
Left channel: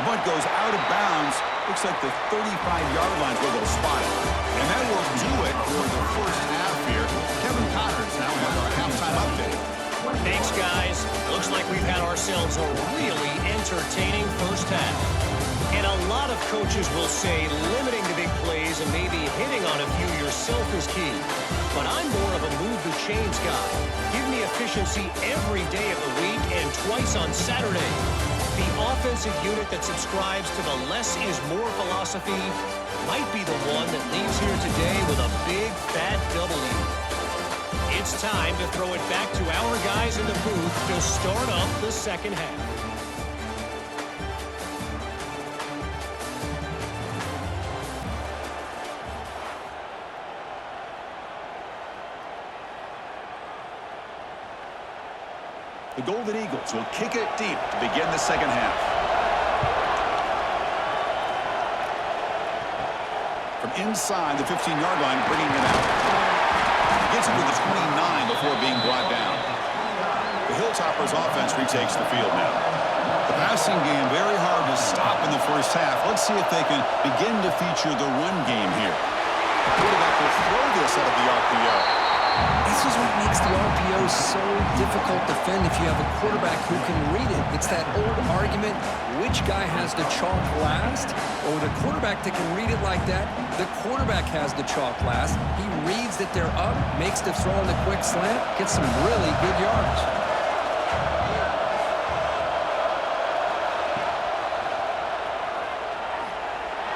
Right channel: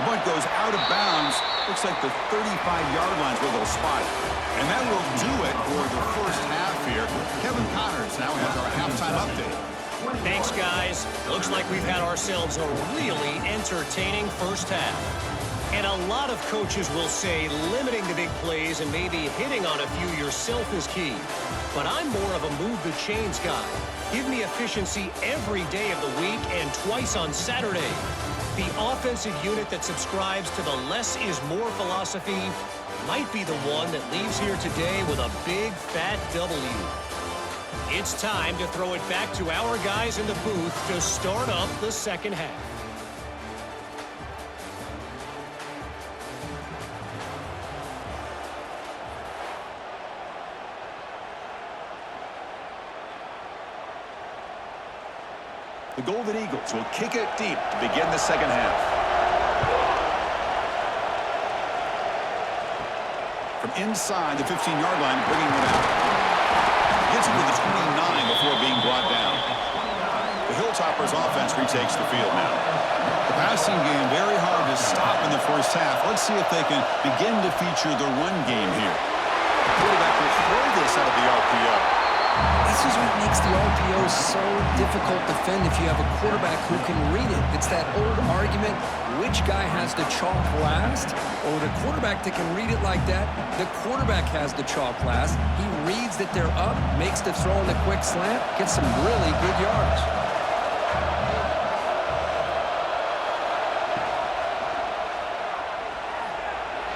The punt goes out of bounds. Looks like the 35-yard line where they'll spot it. And that will do it for the first half here. Kevin Connors now has our halftime update. Thanks, guys. Looks like we've had ourselves a really entertaining first half. And a lot of coaches will say limiting the big plays and maybe hitting on a few yourself is key. But I'm more of a move the chains guy. Give me efficiency every day of the week and twice on Saturday. The offensive unit that subscribes to the less is more philosophy might be the one that leaves here today with a big, fat W. It's time to throw it back to our guys in the booth to start up the second half. The Golden Eagles will kick it deep to begin the second half. From inside the 15-yard line, bringing it out. Gets it to the 29 before being brought down. The Hilltoppers offense retakes the field now. The passing game very hard to stop in the first half. Let's see if they can begin to feature the run game here. The quarterback will throw this out of the RPO. This is what makes the RPO so difficult to defend if you have a quarterback who can read it. It's that old argument, which guy has the chalk last? Or with a quarterback that can read it like that, the quarterback has the chalk last. He reads that they're up, makes the throw on the quick slant, gets some really good yards.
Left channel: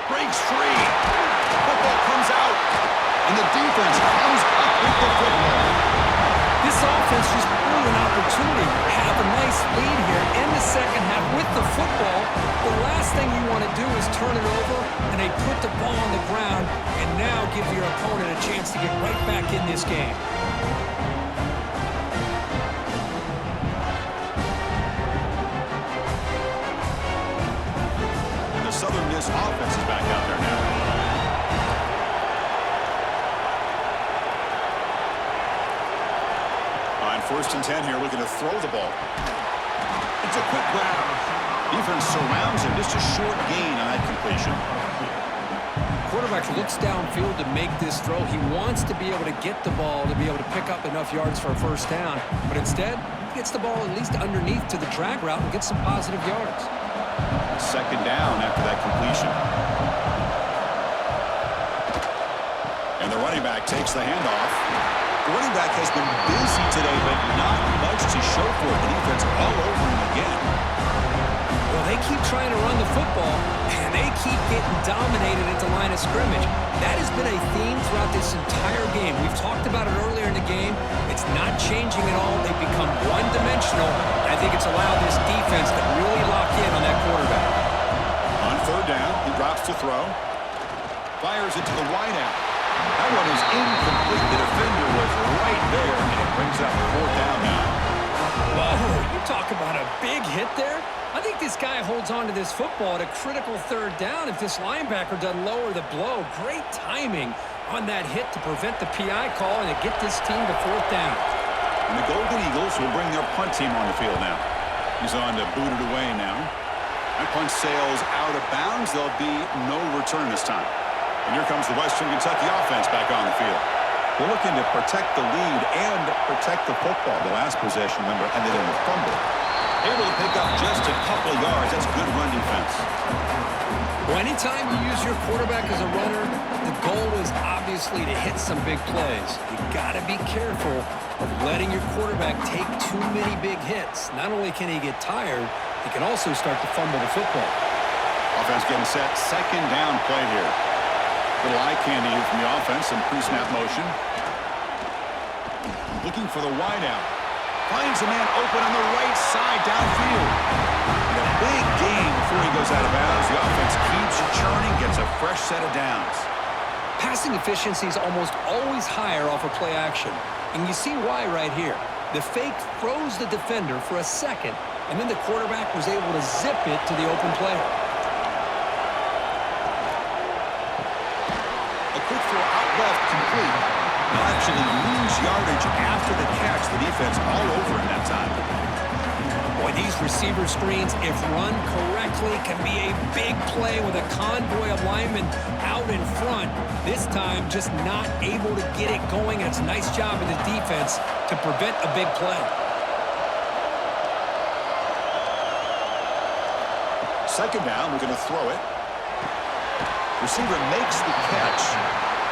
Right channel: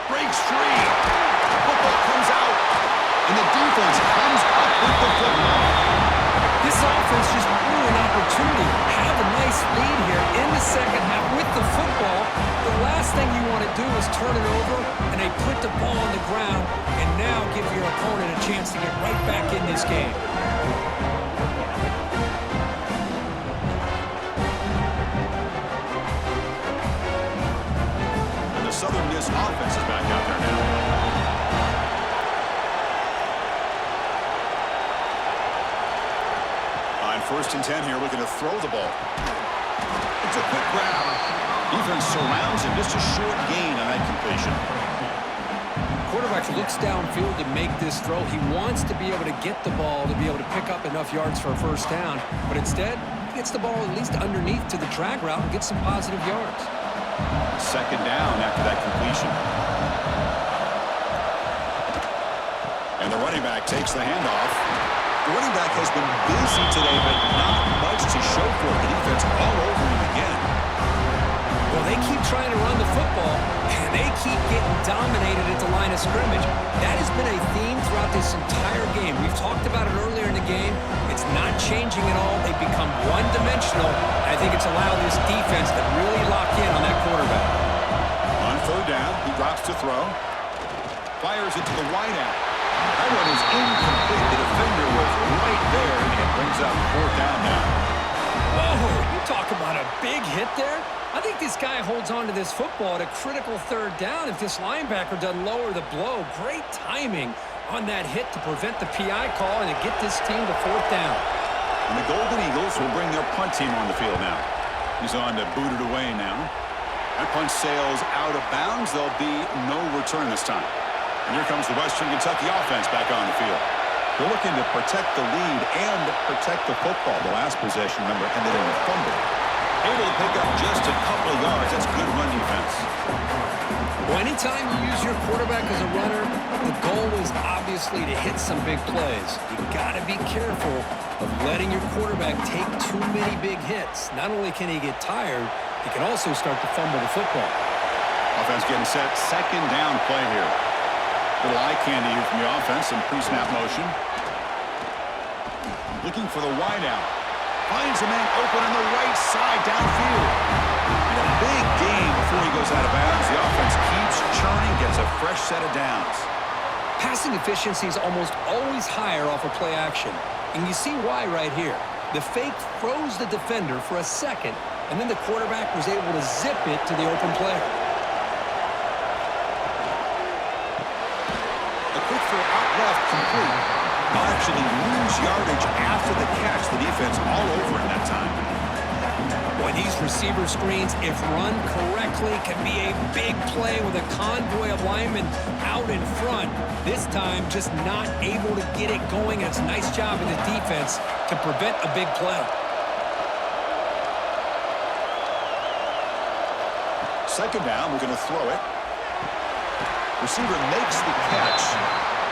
Breaks free. Football comes out. And the defense comes up with the football. This offense just blew an opportunity. Have a nice lead here in the second half with the football. The last thing you want to do is turn it over, and they put the ball on the ground, and now give your opponent a chance to get right back in this game. And the Southern Miss offense is back out there now. On 1st and 10 here, looking to throw the ball. It's a quick grab. Defense surrounds him. Just a short gain on that completion. Quarterback looks downfield to make this throw. He wants to be able to get the ball to be able to pick up enough yards for a first down. But instead, he gets the ball at least underneath to the drag route and gets some positive yards. Second down after that completion. And the running back takes the handoff. The running back has been busy today, but not much to show for it. The defense all over him again. Well, they keep trying to run the football, and they keep getting dominated at the line of scrimmage. That has been a theme throughout this entire game. We've talked about it earlier in the game. It's not changing at all. They've become one-dimensional. I think it's allowed this defense to really lock in on that quarterback. On 3rd down, he drops to throw. Fires it to the wideout. That one is incomplete. The defender was right there, and it brings up 4th down now. Whoa, you talk about a big hit there. I think this guy holds on to this football at a critical 3rd down if this linebacker doesn't lower the blow. Great timing on that hit to prevent the PI call and to get this team to 4th down. And the Golden Eagles will bring their punt team on the field now. He's on to boot it away now. That punt sails out of bounds. There'll be no return this time. And here comes the Western Kentucky offense back on the field. They're looking to protect the lead and protect the football. The last possession, remember, ended in a fumble. Able to pick up just a couple of yards. That's good run defense. Well, anytime you use your quarterback as a runner, the goal is obviously to hit some big plays. You got to be careful of letting your quarterback take too many big hits. Not only can he get tired, he can also start to fumble the football. Offense getting set. 2nd down play here. Little eye candy here from the offense. Some pre-snap motion. Looking for the wideout. Finds a man open on the right side downfield. And a big gain before he goes out of bounds. The offense keeps churning, gets a fresh set of downs. Passing efficiency is almost always higher off of play action. And you see why right here. The fake froze the defender for a second, and then the quarterback was able to zip it to the open player. A quick throw out left, complete. They'll actually lose yardage after the catch. The defense all over him that time. Boy, these receiver screens, if run correctly, can be a big play with a convoy of linemen out in front. This time, just not able to get it going. It's a nice job of the defense to prevent a big play. Second down, we're going to throw it. Receiver makes the catch.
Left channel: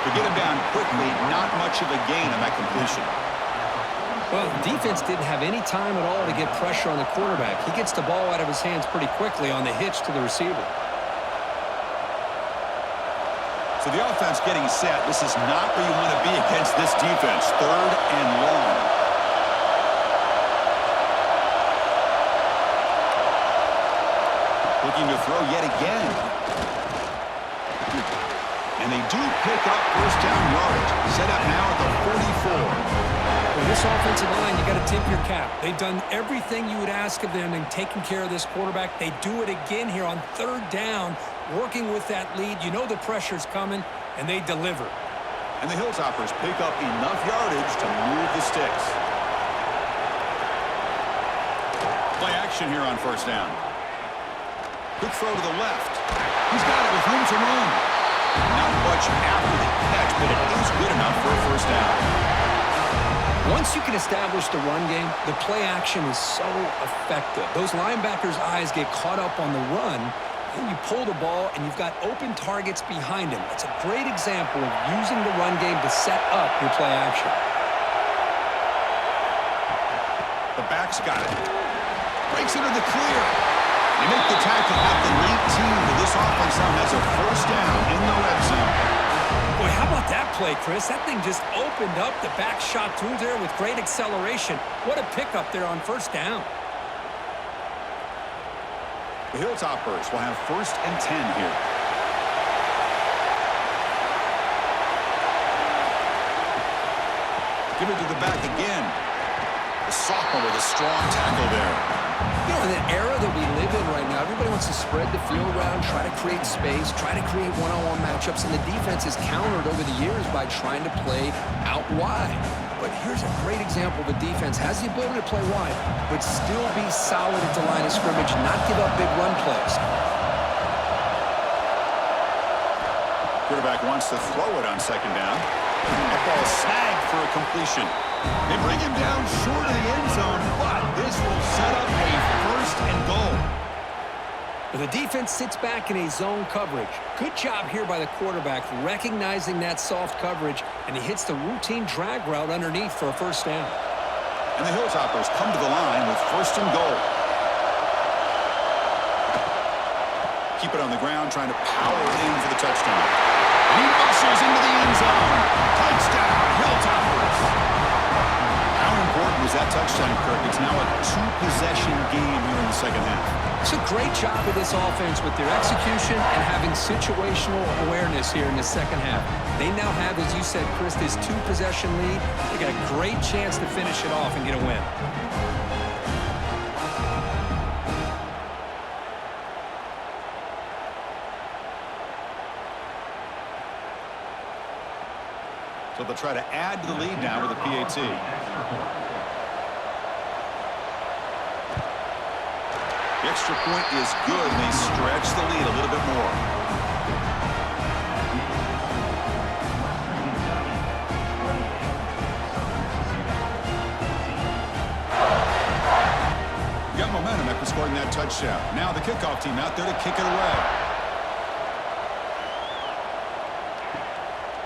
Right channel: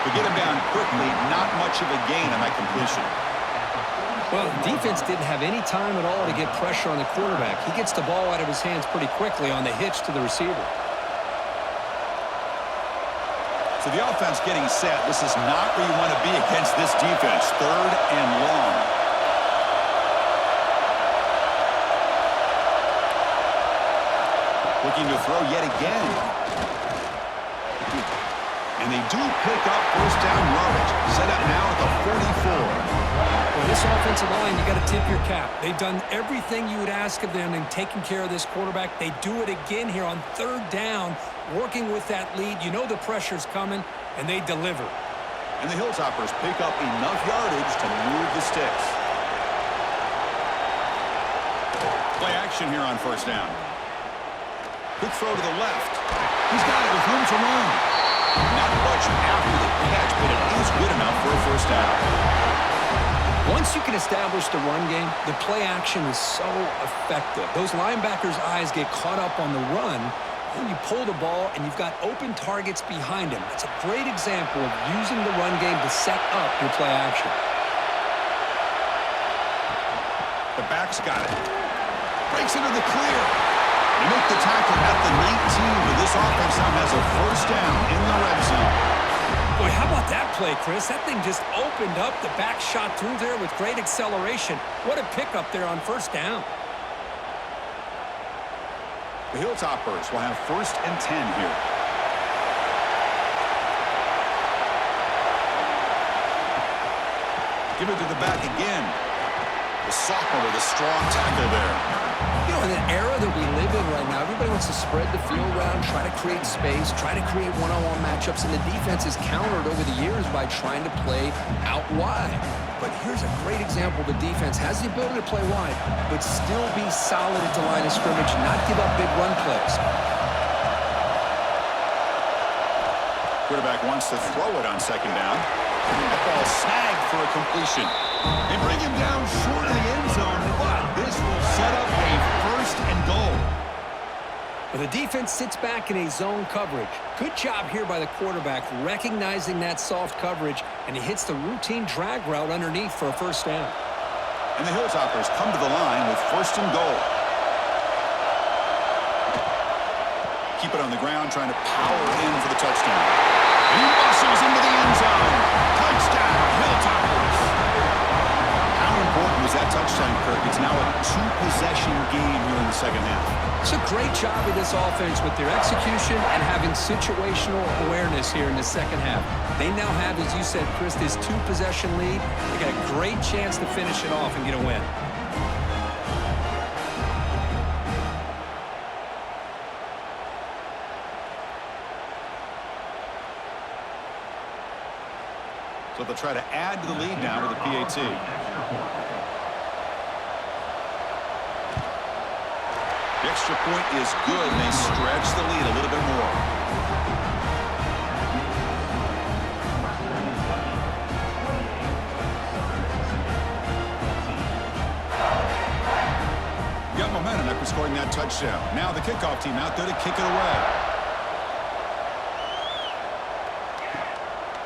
To get him down quickly, not much of a gain on that completion. Well, defense didn't have any time at all to get pressure on the quarterback. He gets the ball out of his hands pretty quickly on the hitch to the receiver. So the offense getting set. This is not where you want to be against this defense. 3rd and long. Looking to throw yet again. And they do pick up first down yardage. Set up now at the 44. Well, this offensive line, you got to tip your cap. They've done everything you would ask of them in taking care of this quarterback. They do it again here on 3rd down, working with that lead. You know the pressure's coming, and they deliver. And the Hilltoppers pick up enough yardage to move the Stix. Play action here on first down. Quick throw to the left. He's got it with room to run. Not much after the catch, but it is good enough for a first down. Once you can establish the run game, the play action is so effective. Those linebackers' eyes get caught up on the run, then you pull the ball, and you've got open targets behind him. That's a great example of using the run game to set up your play action. The back's got it. Breaks into the clear. They make the tackle at the 19, but this offense now has a first down in the red zone. Boy, how about that play, Chris? That thing just opened up. The back shot through there with great acceleration. What a pickup there on first down. The Hilltoppers will have 1st and 10 here. Give it to the back again. The sophomore with a strong tackle there. You know, in the era that we live in right now, everybody wants to spread the field around, try to create space, try to create one-on-one matchups, and the defense is countered over the years by trying to play out wide. But here's a great example. The defense has the ability to play wide, but still be solid at the line of scrimmage, not give up big run plays. Quarterback wants to throw it on 2nd down. A ball snagged for a completion. They bring him down short of the end zone, but this will set up a 1st and goal. But the defense sits back in a zone coverage. Good job here by the quarterback, recognizing that soft coverage, and he hits the routine drag route underneath for a first down. And the Hilltoppers come to the line with 1st and goal. Keep it on the ground, trying to power in for the touchdown. And he muscles into the end zone. Touchdown, Hilltoppers. How important was that touchdown, Kirk? It's now a 2-possession game here in the 2nd half. It's a great job of this offense with their execution and having situational awareness here in the 2nd half. They now have, as you said, Chris, this 2-possession lead. They got a great chance to finish it off and get a win. So they'll try to add to the lead now with a PAT. The extra point is good, and they stretch the lead a little bit more. You got momentum after scoring that touchdown. Now the kickoff team out there to kick it away.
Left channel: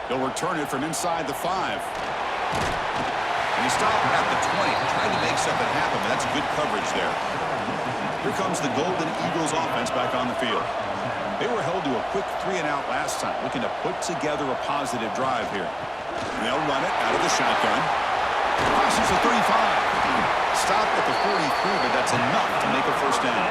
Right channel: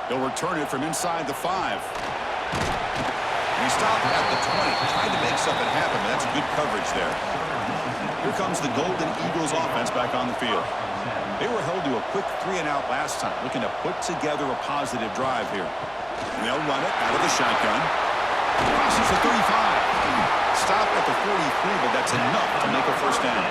He'll return it from inside the 5. And he stopped at the 20. Tried to make something happen, but that's good coverage there. Here comes the Golden Eagles offense back on the field. They were held to a quick 3-and-out last time, looking to put together a positive drive here. And they'll run it out of the shotgun. Crosses the 35. Stop at the 43, but that's enough to make a first down.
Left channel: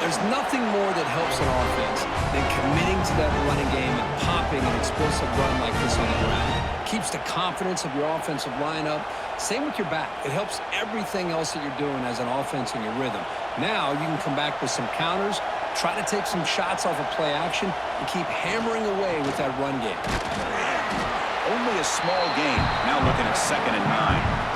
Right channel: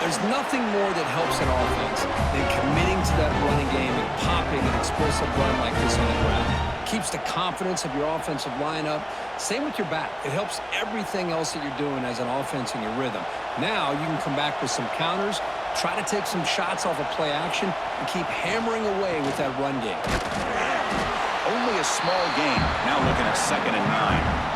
There's nothing more that helps an offense than committing to that running game and popping an explosive run like this on the ground. Keeps the confidence of your offensive lineup. Same with your back. It helps everything else that you're doing as an offense in your rhythm. Now you can come back with some counters, try to take some shots off of play action, and keep hammering away with that run game. Only a small gain. Now looking at 2nd and 9.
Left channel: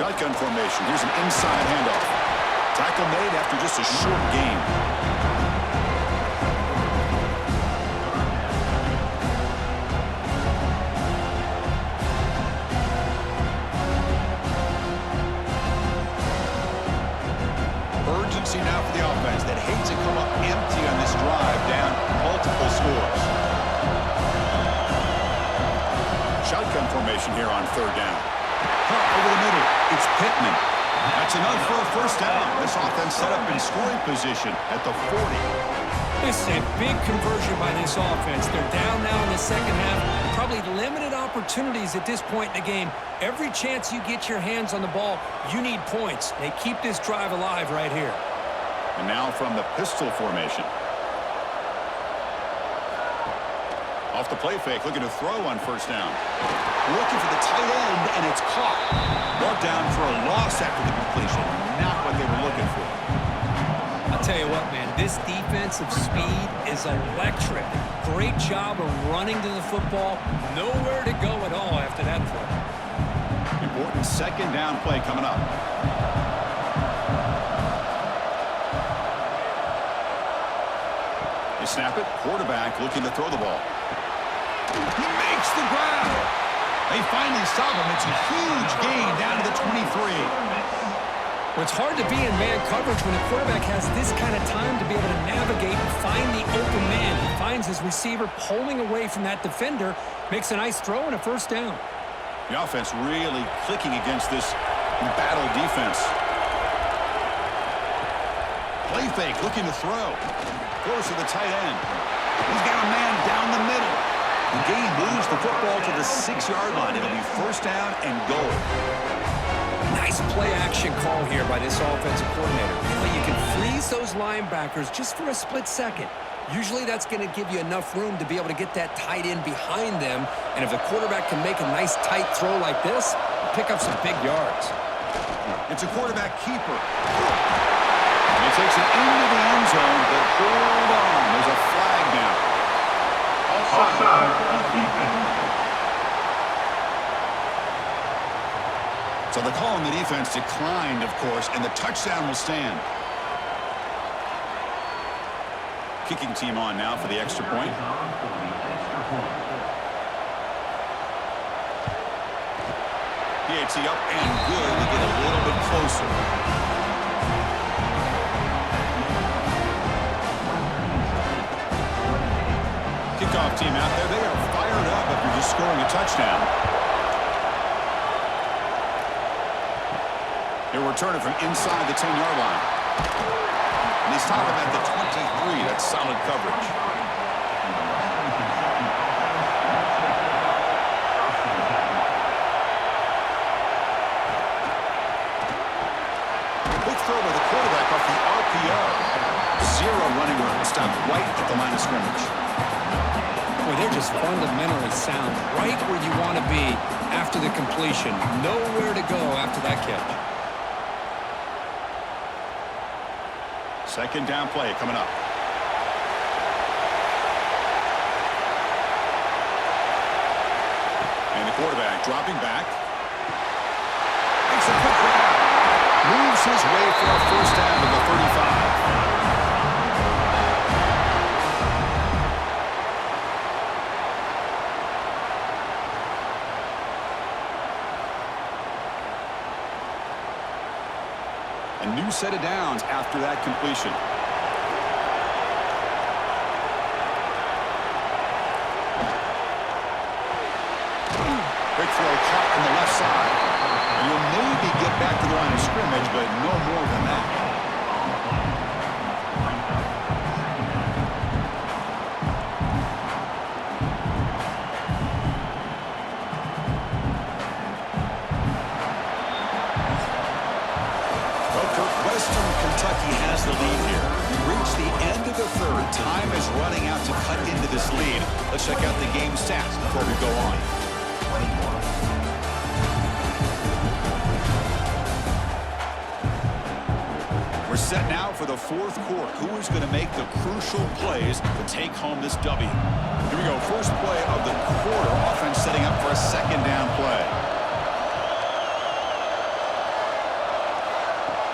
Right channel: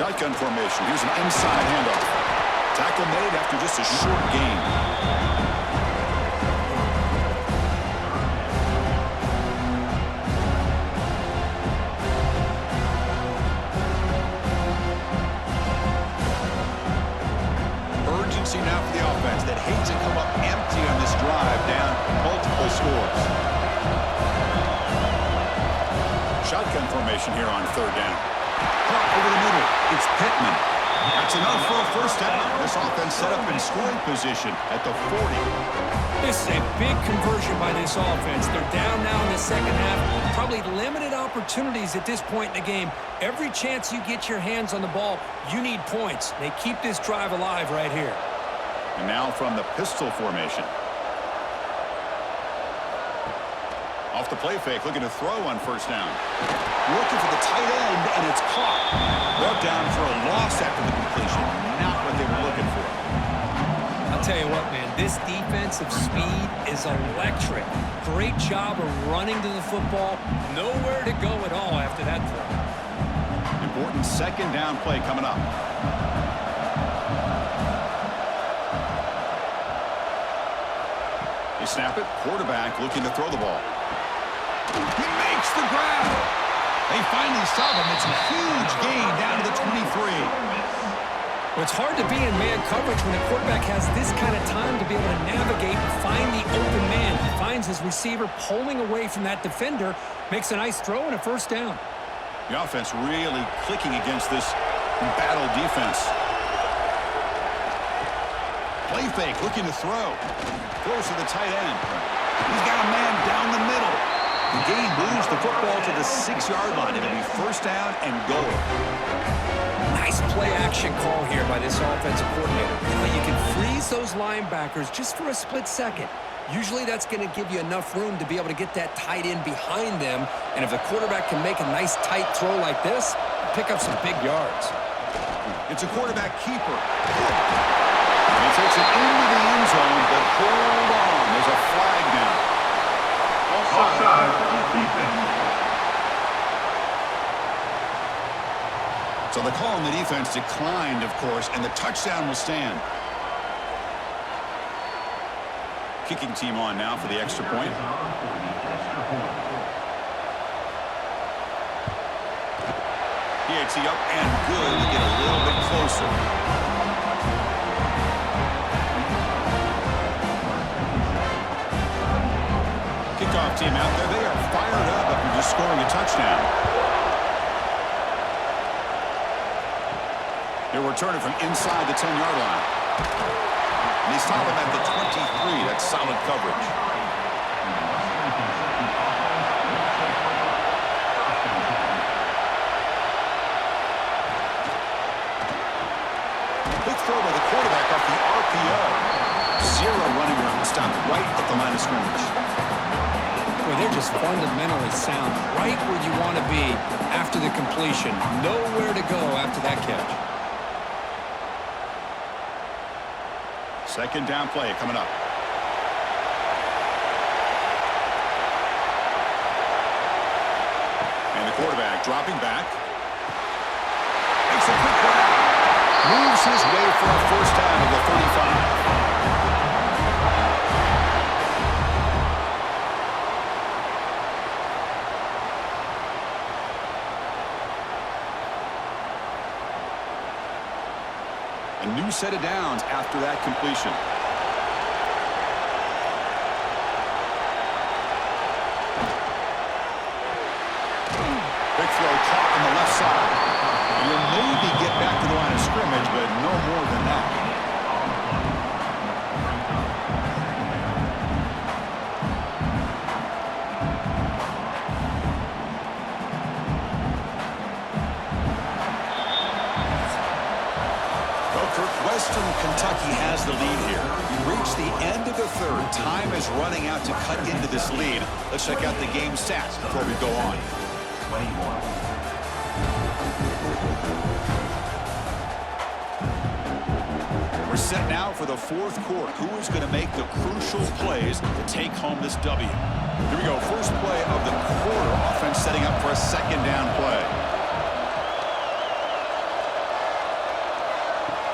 Shotgun formation. Here's an inside handoff. Tackle made after just a short gain. urgency now for the offense that hates to come up empty on this drive down multiple scores. Shotgun formation here on third down. Cut over the middle. It's Pittman. That's enough for a first down. This offense set up in scoring position at the 40. This is a big conversion by this offense. They're down now in the second half. Probably limited opportunities at this point in the game. Every chance you get your hands on the ball, you need points. They keep this drive alive right here. And now from the pistol formation. Off the play fake, looking to throw on first down. Looking for the tight end, and it's caught. Brought down for a loss after the completion. Not what they were looking for. I'll tell you what, man, this defensive speed is electric. Great job of running to the football. Nowhere to go at all after that throw. Important second down play coming up. They snap it. Quarterback looking to throw the ball. He makes the grab. They finally stop him. It's a huge gain down to the 23. Well, it's hard to be in man coverage when the quarterback has this kind of time to be able to navigate and find the open man. He finds his receiver pulling away from that defender, makes a nice throw and a first down. The offense really clicking against this battle defense. Play fake, looking to throw. Throws to the tight end. He's got a man down the middle. The game moves the football to the 6-yard line. It'll be first down and goal. Nice play action call here by this offensive coordinator. You know, you can freeze those linebackers just for a split second. Usually that's going to give you enough room to be able to get that tight end behind them. And if the quarterback can make a nice tight throw like this, pick up some big yards. It's a quarterback keeper. He takes it into the end zone, but hold on. There's a flag down. Offside. So the call on the defense declined, of course, and the touchdown will stand. Kicking team on now for the extra point. PAT up and good to get a little bit closer. Kickoff team out there. They are fired up after just scoring a touchdown. They're returning from inside the 10-yard line. And they stop him at the 23. That's solid coverage. Big throw by the quarterback off the RPO. Zero running room. Stopped right at the line of scrimmage. Boy, they're just fundamentally sound. Right where you want to be after the completion. Nowhere to go after that catch. Second down play coming up. And the quarterback dropping back. Makes a quick grab. Moves his way for a first down to the 35. A new set of downs after that completion. Quick throw caught on the left side. And you'll maybe get back to the line of scrimmage, but no more than that. Western Kentucky has the lead here. We reach the end of the third. Time is running out to cut into this lead. Let's check out the game stats before we go on. We're set now for the fourth quarter. Who is going to make the crucial plays to take home this W? Here we go. First play of the quarter. Offense setting up for a second down play.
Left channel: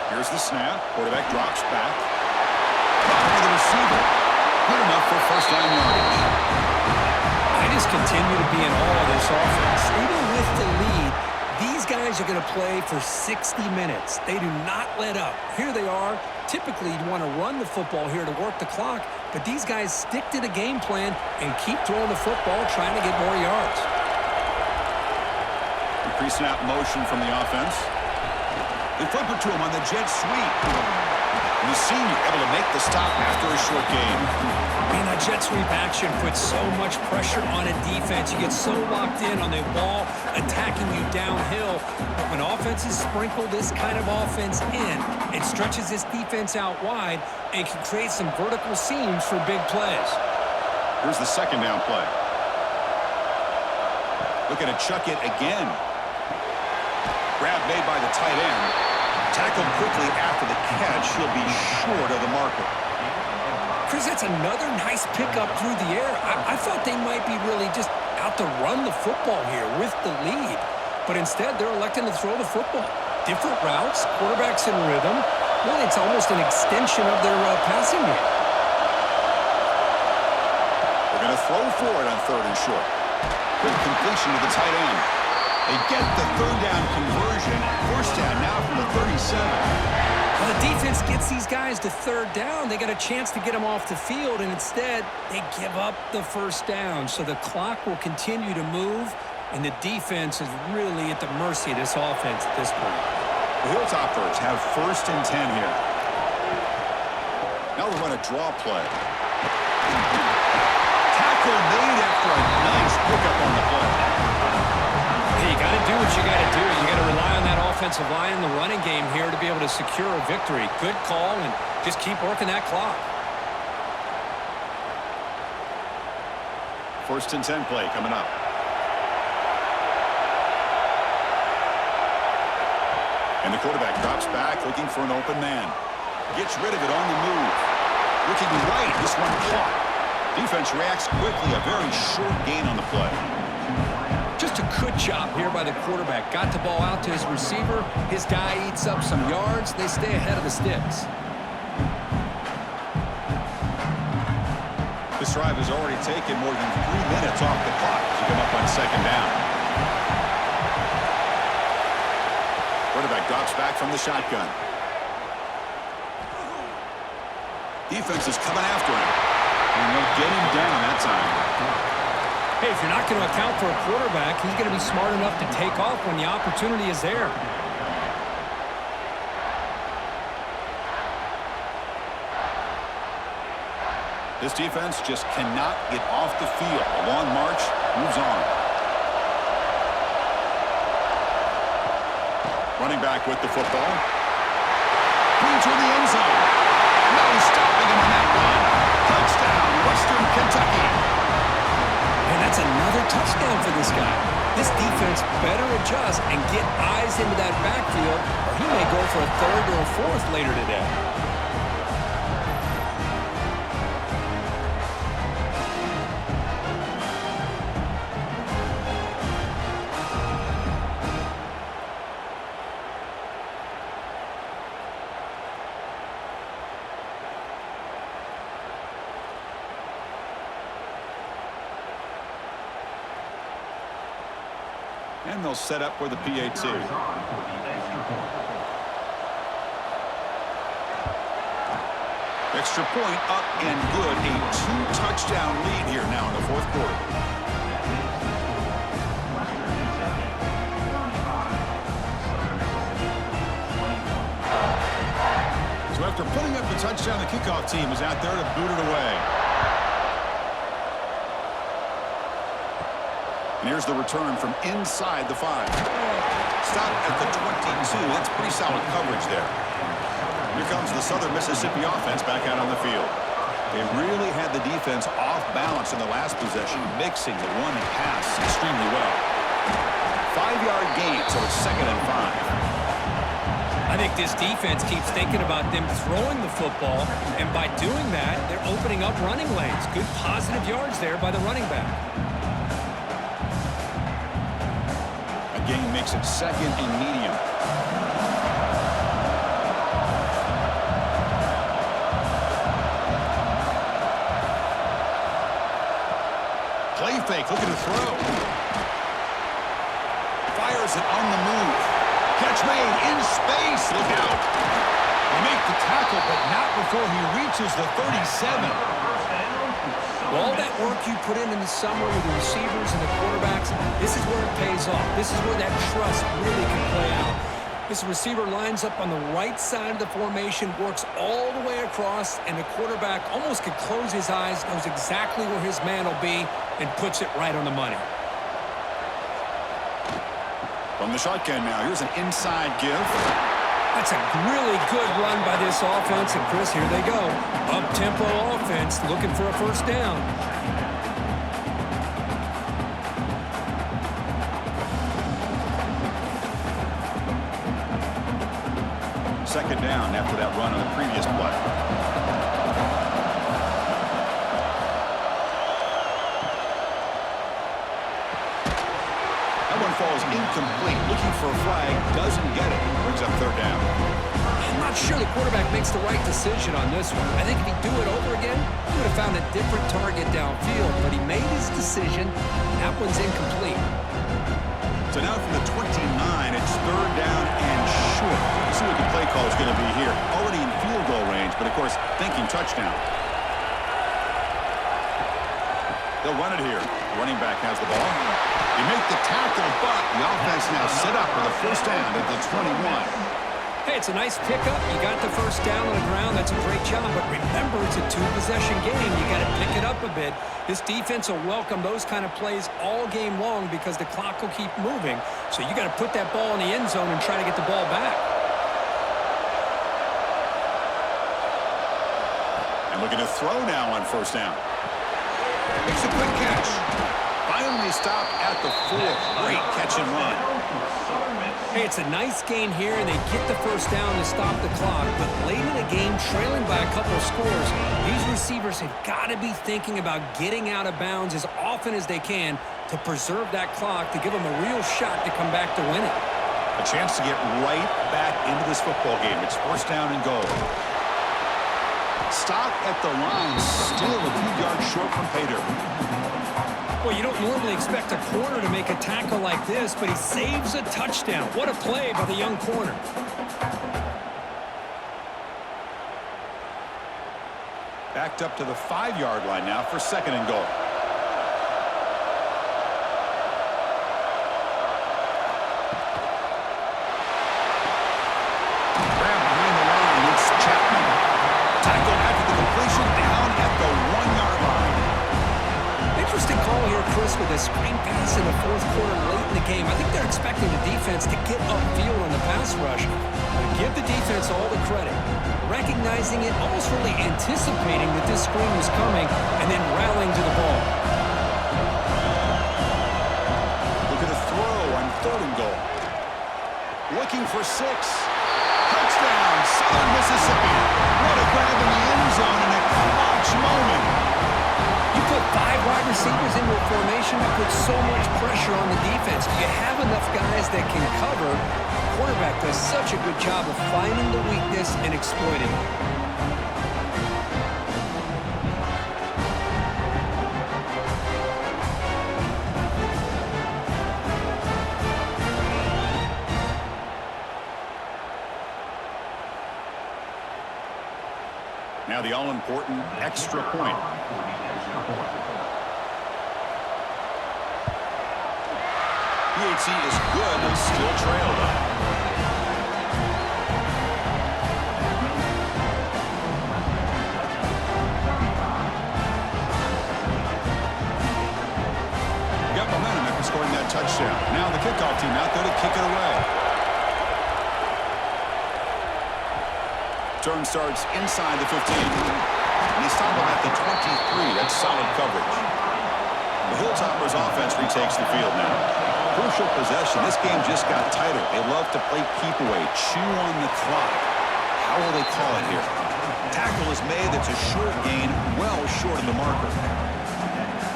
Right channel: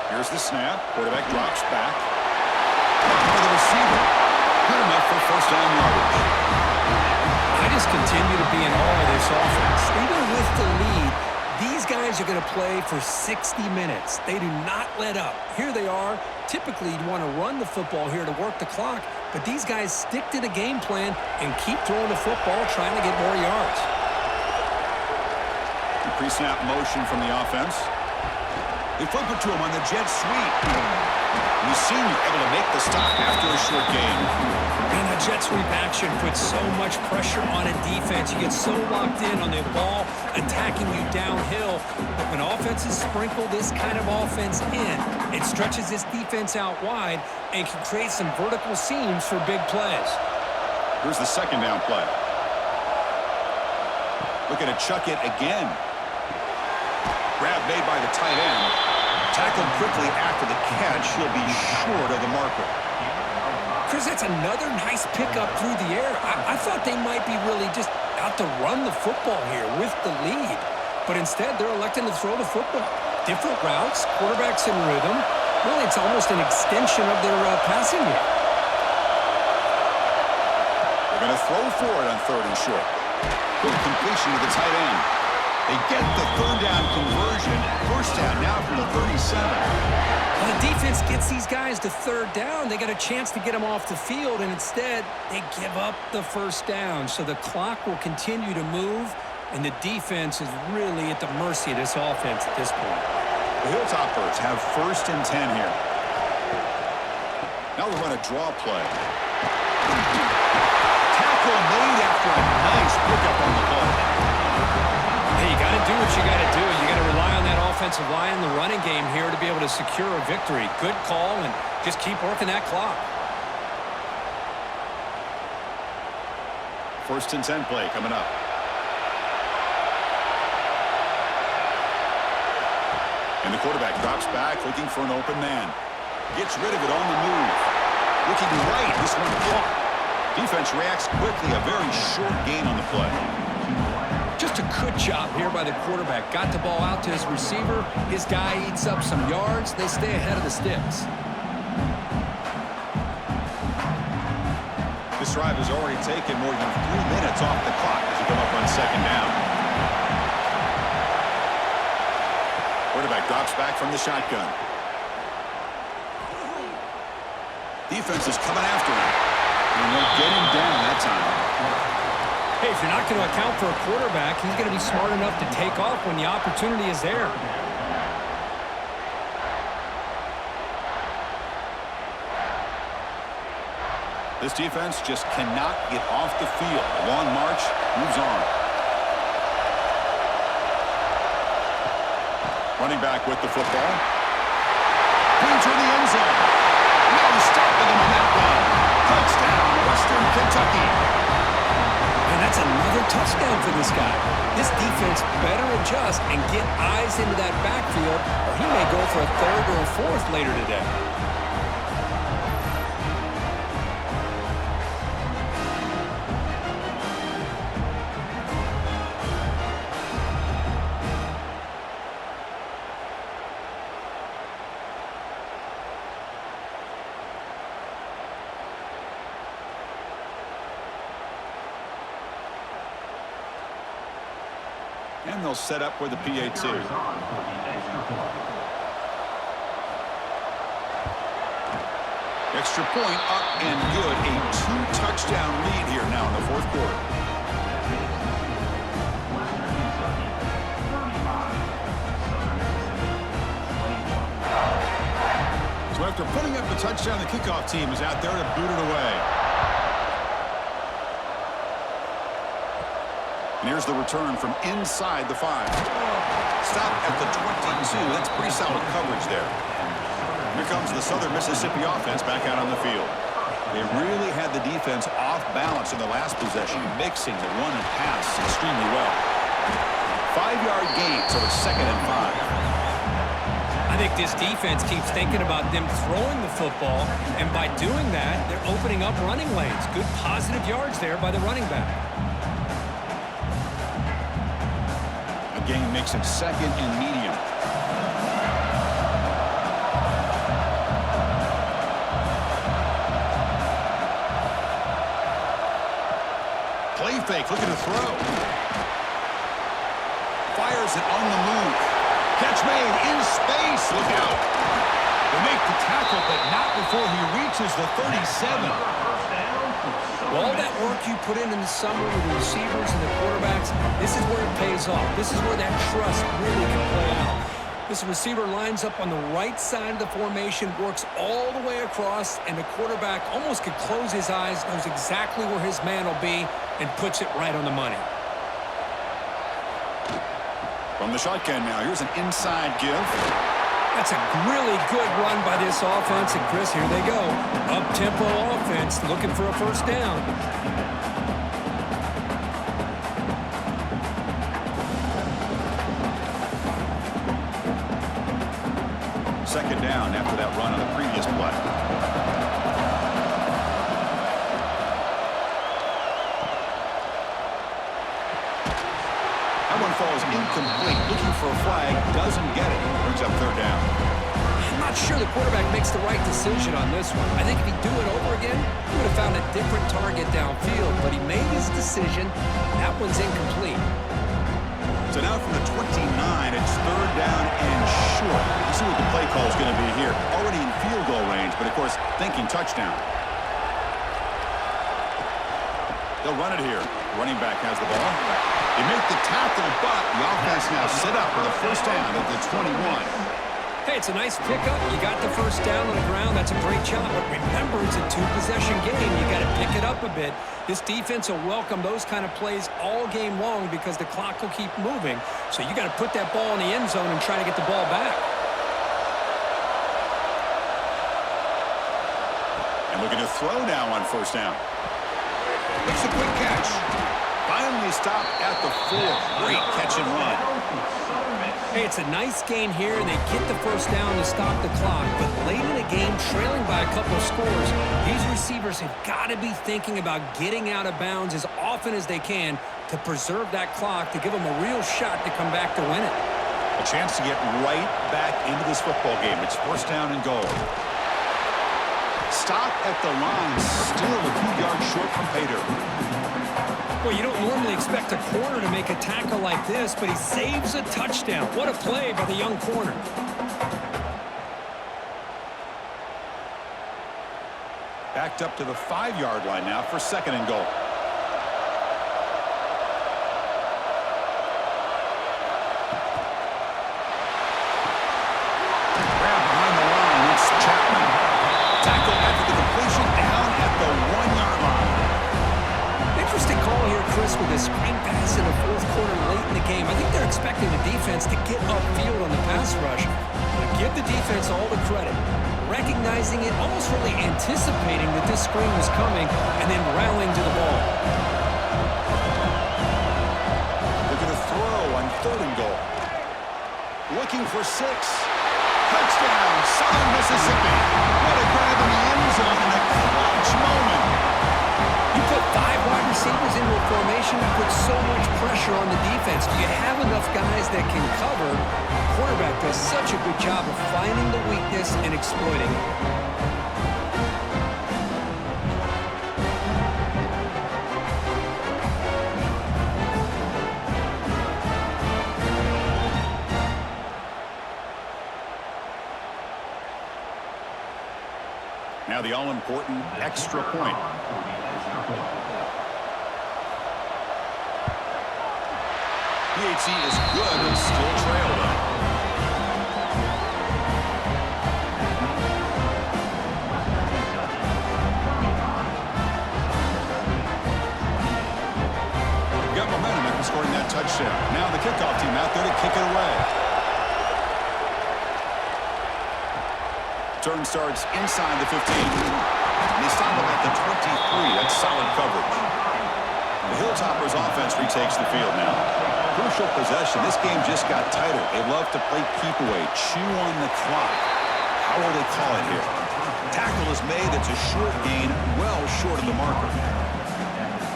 Here's the snap. Quarterback drops back. For the receiver. Good enough for first down yardage. I just continue to be in awe of this offense. Even with the lead, These guys are going to play for 60 minutes. They do not let up. Here they are. Typically, you'd want to run the football here to work the clock, but these guys stick to the game plan and keep throwing the football, trying to get more yards. Pre-snap motion from the offense. They flip it to him on the jet sweep. And the senior able to make the stop after a short gain. Man, that jet sweep action puts so much pressure on a defense. You get so locked in on the ball attacking you downhill. But when offenses sprinkle this kind of offense in, it stretches this defense out wide and can create some vertical seams for big plays. Here's the second down play. Looking to chuck it again. Grab made by the tight end. Tackled quickly after the catch. He'll be short of the marker. Chris, that's another nice pickup through the air. I thought they might be really just out to run the football here with the lead. But instead, they're electing to throw the football. Different routes, quarterbacks in rhythm. Really, it's almost an extension of their passing game. They're going to throw for it on 3rd and short. Good completion to the tight end. They get the 3rd down conversion. 1st down now from the 37. Well, the defense gets these guys to 3rd down. They got a chance to get them off the field, and instead they give up the 1st down. So the clock will continue to move, and the defense is really at the mercy of this offense at this point. The Hilltoppers have 1st and 10 here. Now they'll run a draw play. Tackle made after a nice pickup on the play. Hey, you got to do what you got to do. You got to rely on that offensive line in the running game here to be able to secure a victory. Good call, and just keep working that clock. 1st and 10 play coming up. And the quarterback drops back, looking for an open man. Gets rid of it on the move. Looking right, this one caught. Defense reacts quickly, a very short gain on the play. Just a good job here by the quarterback. Got the ball out to his receiver. His guy eats up some yards. They stay ahead of the Stix. This drive has already taken more than 3 minutes off the clock as we come up on 2nd down. Quarterback drops back from the shotgun. Defense is coming after him. And they'll get him down that time. Hey, if you're not going to account for a quarterback, he's going to be smart enough to take off when the opportunity is there. This defense just cannot get off the field. A long march moves on. Running back with the football. Clean through the end zone. No stopping him on that run. Touchdown, Western Kentucky. And that's another touchdown for this guy. This defense better adjust and get eyes into that backfield, or he may go for a 3rd or a 4th later today. And they'll set up for the PAT. Extra point up and good. A 2-touchdown lead here now in the 4th quarter. So after putting up the touchdown, the kickoff team is out there to boot it away. And here's the return from inside the 5. Stop at the 22. That's pretty solid coverage there. Here comes the Southern Mississippi offense back out on the field. They really had the defense off balance in the last possession, mixing the run and pass extremely well. 5-yard gain, so it's 2nd and 5. I think this defense keeps thinking about them throwing the football, and by doing that, they're opening up running lanes. Good positive yards there by the running back. A gain makes it 2nd and medium. Play fake, looking to throw. fires it on the move. Catch made in space. Look out. They make the tackle, but not before he reaches the 37. Well, all that work you put in the summer with the receivers and the quarterbacks, this is where it pays off. This is where that trust really can play out. This receiver lines up on the right side of the formation, works all the way across, and the quarterback almost could close his eyes, knows exactly where his man will be, and puts it right on the money. From the shotgun now, here's an inside give. That's a really good run by this offense, and Chris, here they go. Up-tempo offense, looking for a first down. Second down after that run on the previous play. That one falls incomplete. Looking for a flag, doesn't get it. Brings up third down. I'm not sure the quarterback makes the right decision on this one. I think if he'd do it over again, he would have found a different target downfield, but he made his decision. That one's incomplete. So now from the 29, it's third down and short. Let's see what the play call is going to be here. Already in field goal range, but of course, thinking touchdown. They'll run it here. The running back has the ball. They make the tackle, but the offense now set up with a first down at the 21. Hey, it's a nice pickup. You got the first down on the ground. That's a great job. But remember, it's a two-possession game. You got to pick it up a bit. This defense will welcome those kind of plays all game long because the clock will keep moving. So you got to put that ball in the end zone and try to get the ball back. And looking to throw now on first down. Makes a quick catch. Finally stopped at the 4. Great catch and run. Hey, it's a nice gain here, and they get the first down to stop the clock. But late in the game, trailing by a couple of scores, these receivers have got to be thinking about getting out of bounds as often as they can to preserve that clock, to give them a real shot to come back to win it. A chance to get right back into this football game. It's first down and goal. Stop at the line, still a few yards short from pay dirt. Well, you don't normally expect a corner to make a tackle like this, but he saves a touchdown. What a play by the young corner. Backed up to the 5-yard line now for second and goal. Grab behind the line, it's Chapman. Tackle after the completion, down at the 1-yard line. Interesting call here, Chris, with a screen pass in the fourth quarter late in the game. I think they're expecting the defense to get upfield on the pass rush. But give the defense all the credit. Recognizing it, almost really anticipating that this screen was coming, and then rallying to the ball. Look at the throw on third and goal. Looking for 6. Touchdown, Southern Mississippi. What a grab in the end zone in a clutch moment. You put 5 wide receivers into a formation that puts so much pressure on the defense. Do you have enough guys that can cover? The quarterback does such a good job of finding the weakness and exploiting it. Now the all-important extra point. PHC is good, but still trail though. Got momentum after scoring that touchdown. Now the kickoff team out there to kick it away. Turn starts inside the 15. And they stop him at the 23. That's solid coverage. The Hilltoppers offense retakes the field now. Crucial possession. This game just got tighter. They love to play keep away, chew on the clock. How will they call it here? Tackle is made. That's a short gain, well short of the marker.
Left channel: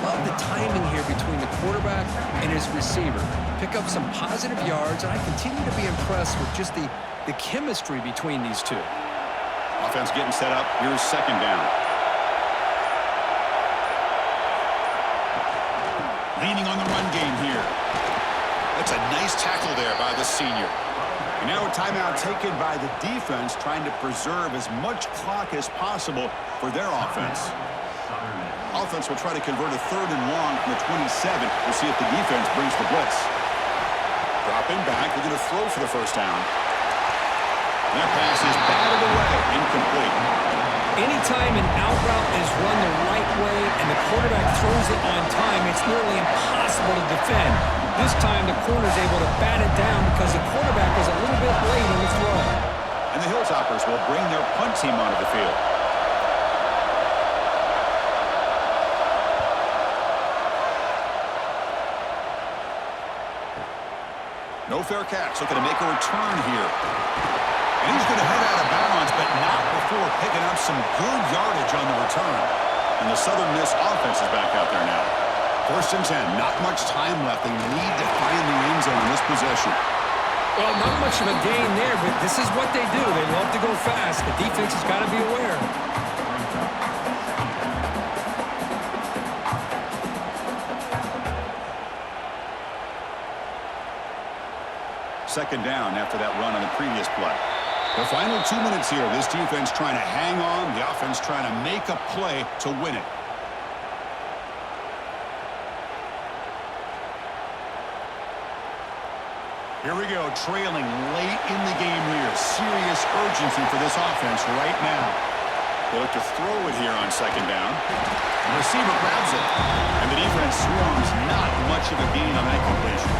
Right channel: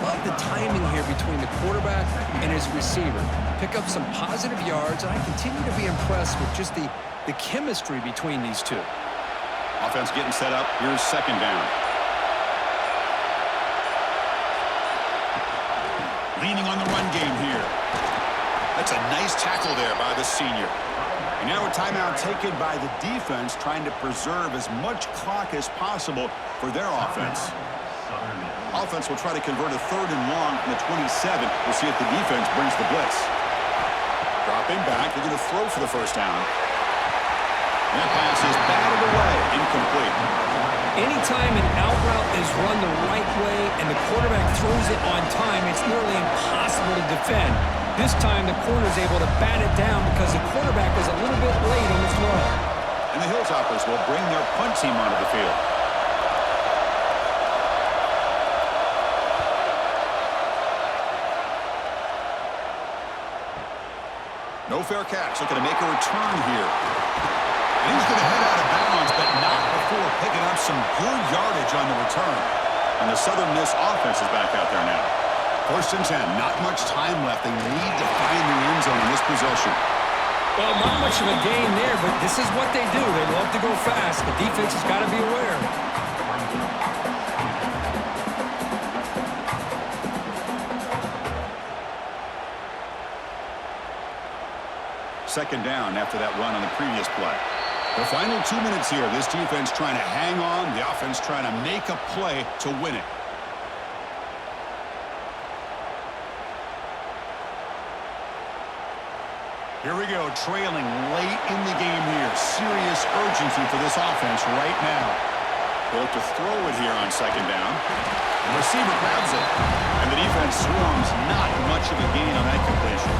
Love the timing here between the quarterback and his receiver. Pick up some positive yards, and I continue to be impressed with just the chemistry between these two. Offense getting set up. Here's second down. Leaning on the run game here. That's a nice tackle there by the senior. And now a timeout taken by the defense, trying to preserve as much clock as possible for their offense. Offense will try to convert a 3rd and long from the 27. We'll see if the defense brings the blitz. Dropping back, they're going to throw for the first down. And that pass is batted away, incomplete. Anytime an out route is run the right way and the quarterback throws it on time, it's nearly impossible to defend. This time the corner's able to bat it down because the quarterback was a little bit late on the throw. And the Hilltoppers will bring their punt team onto the field. No fair catch, looking to make a return here. And he's going to head out of bounds, but not before picking up some good yardage on the return. And the Southern Miss offense is back out there now. 1st and 10, not much time left. They need to find the end zone in this possession. Well, not much of a gain there, but this is what they do. They love to go fast. The defense has got to be aware. Second down after that run on the previous play. The final 2 minutes here. This defense trying to hang on. The offense trying to make a play to win it. Here we go, trailing late in the game here. Serious urgency for this offense right now. They look to throw it here on 2nd down. The receiver grabs it. And the defense swarms. Not much of a gain on that completion.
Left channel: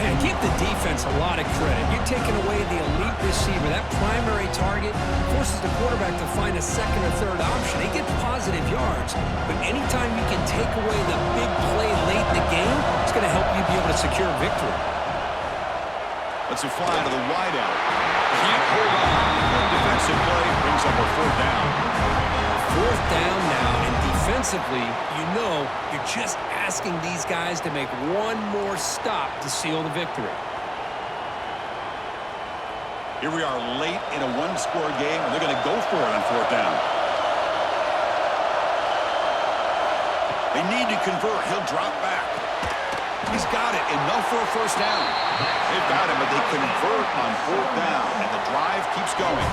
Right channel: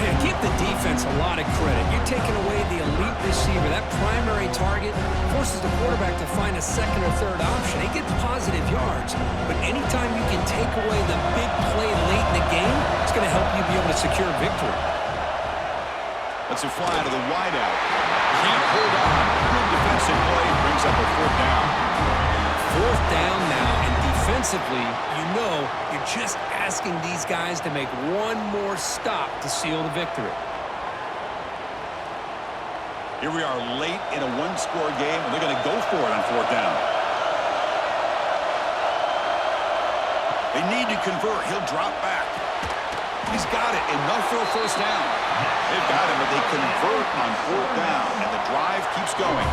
Man, give the defense a lot of credit. You're taking away the elite receiver. That primary target forces the quarterback to find a 2nd or 3rd option. He gets positive yards. But anytime you can take away the big play late in the game, it's going to help you be able to secure victory. Lets it fly out of the wideout. Can't hold on. Good defensive play. Brings up a 4th down. 4th down now, and defensively, you know you're just asking these guys to make one more stop to seal the victory. Here we are late in a 1-score game, and they're going to go for it on 4th down. They need to convert. He'll drop back. He's got it. Enough for a 1st down. They've got him, but they convert on 4th down, and the drive keeps going.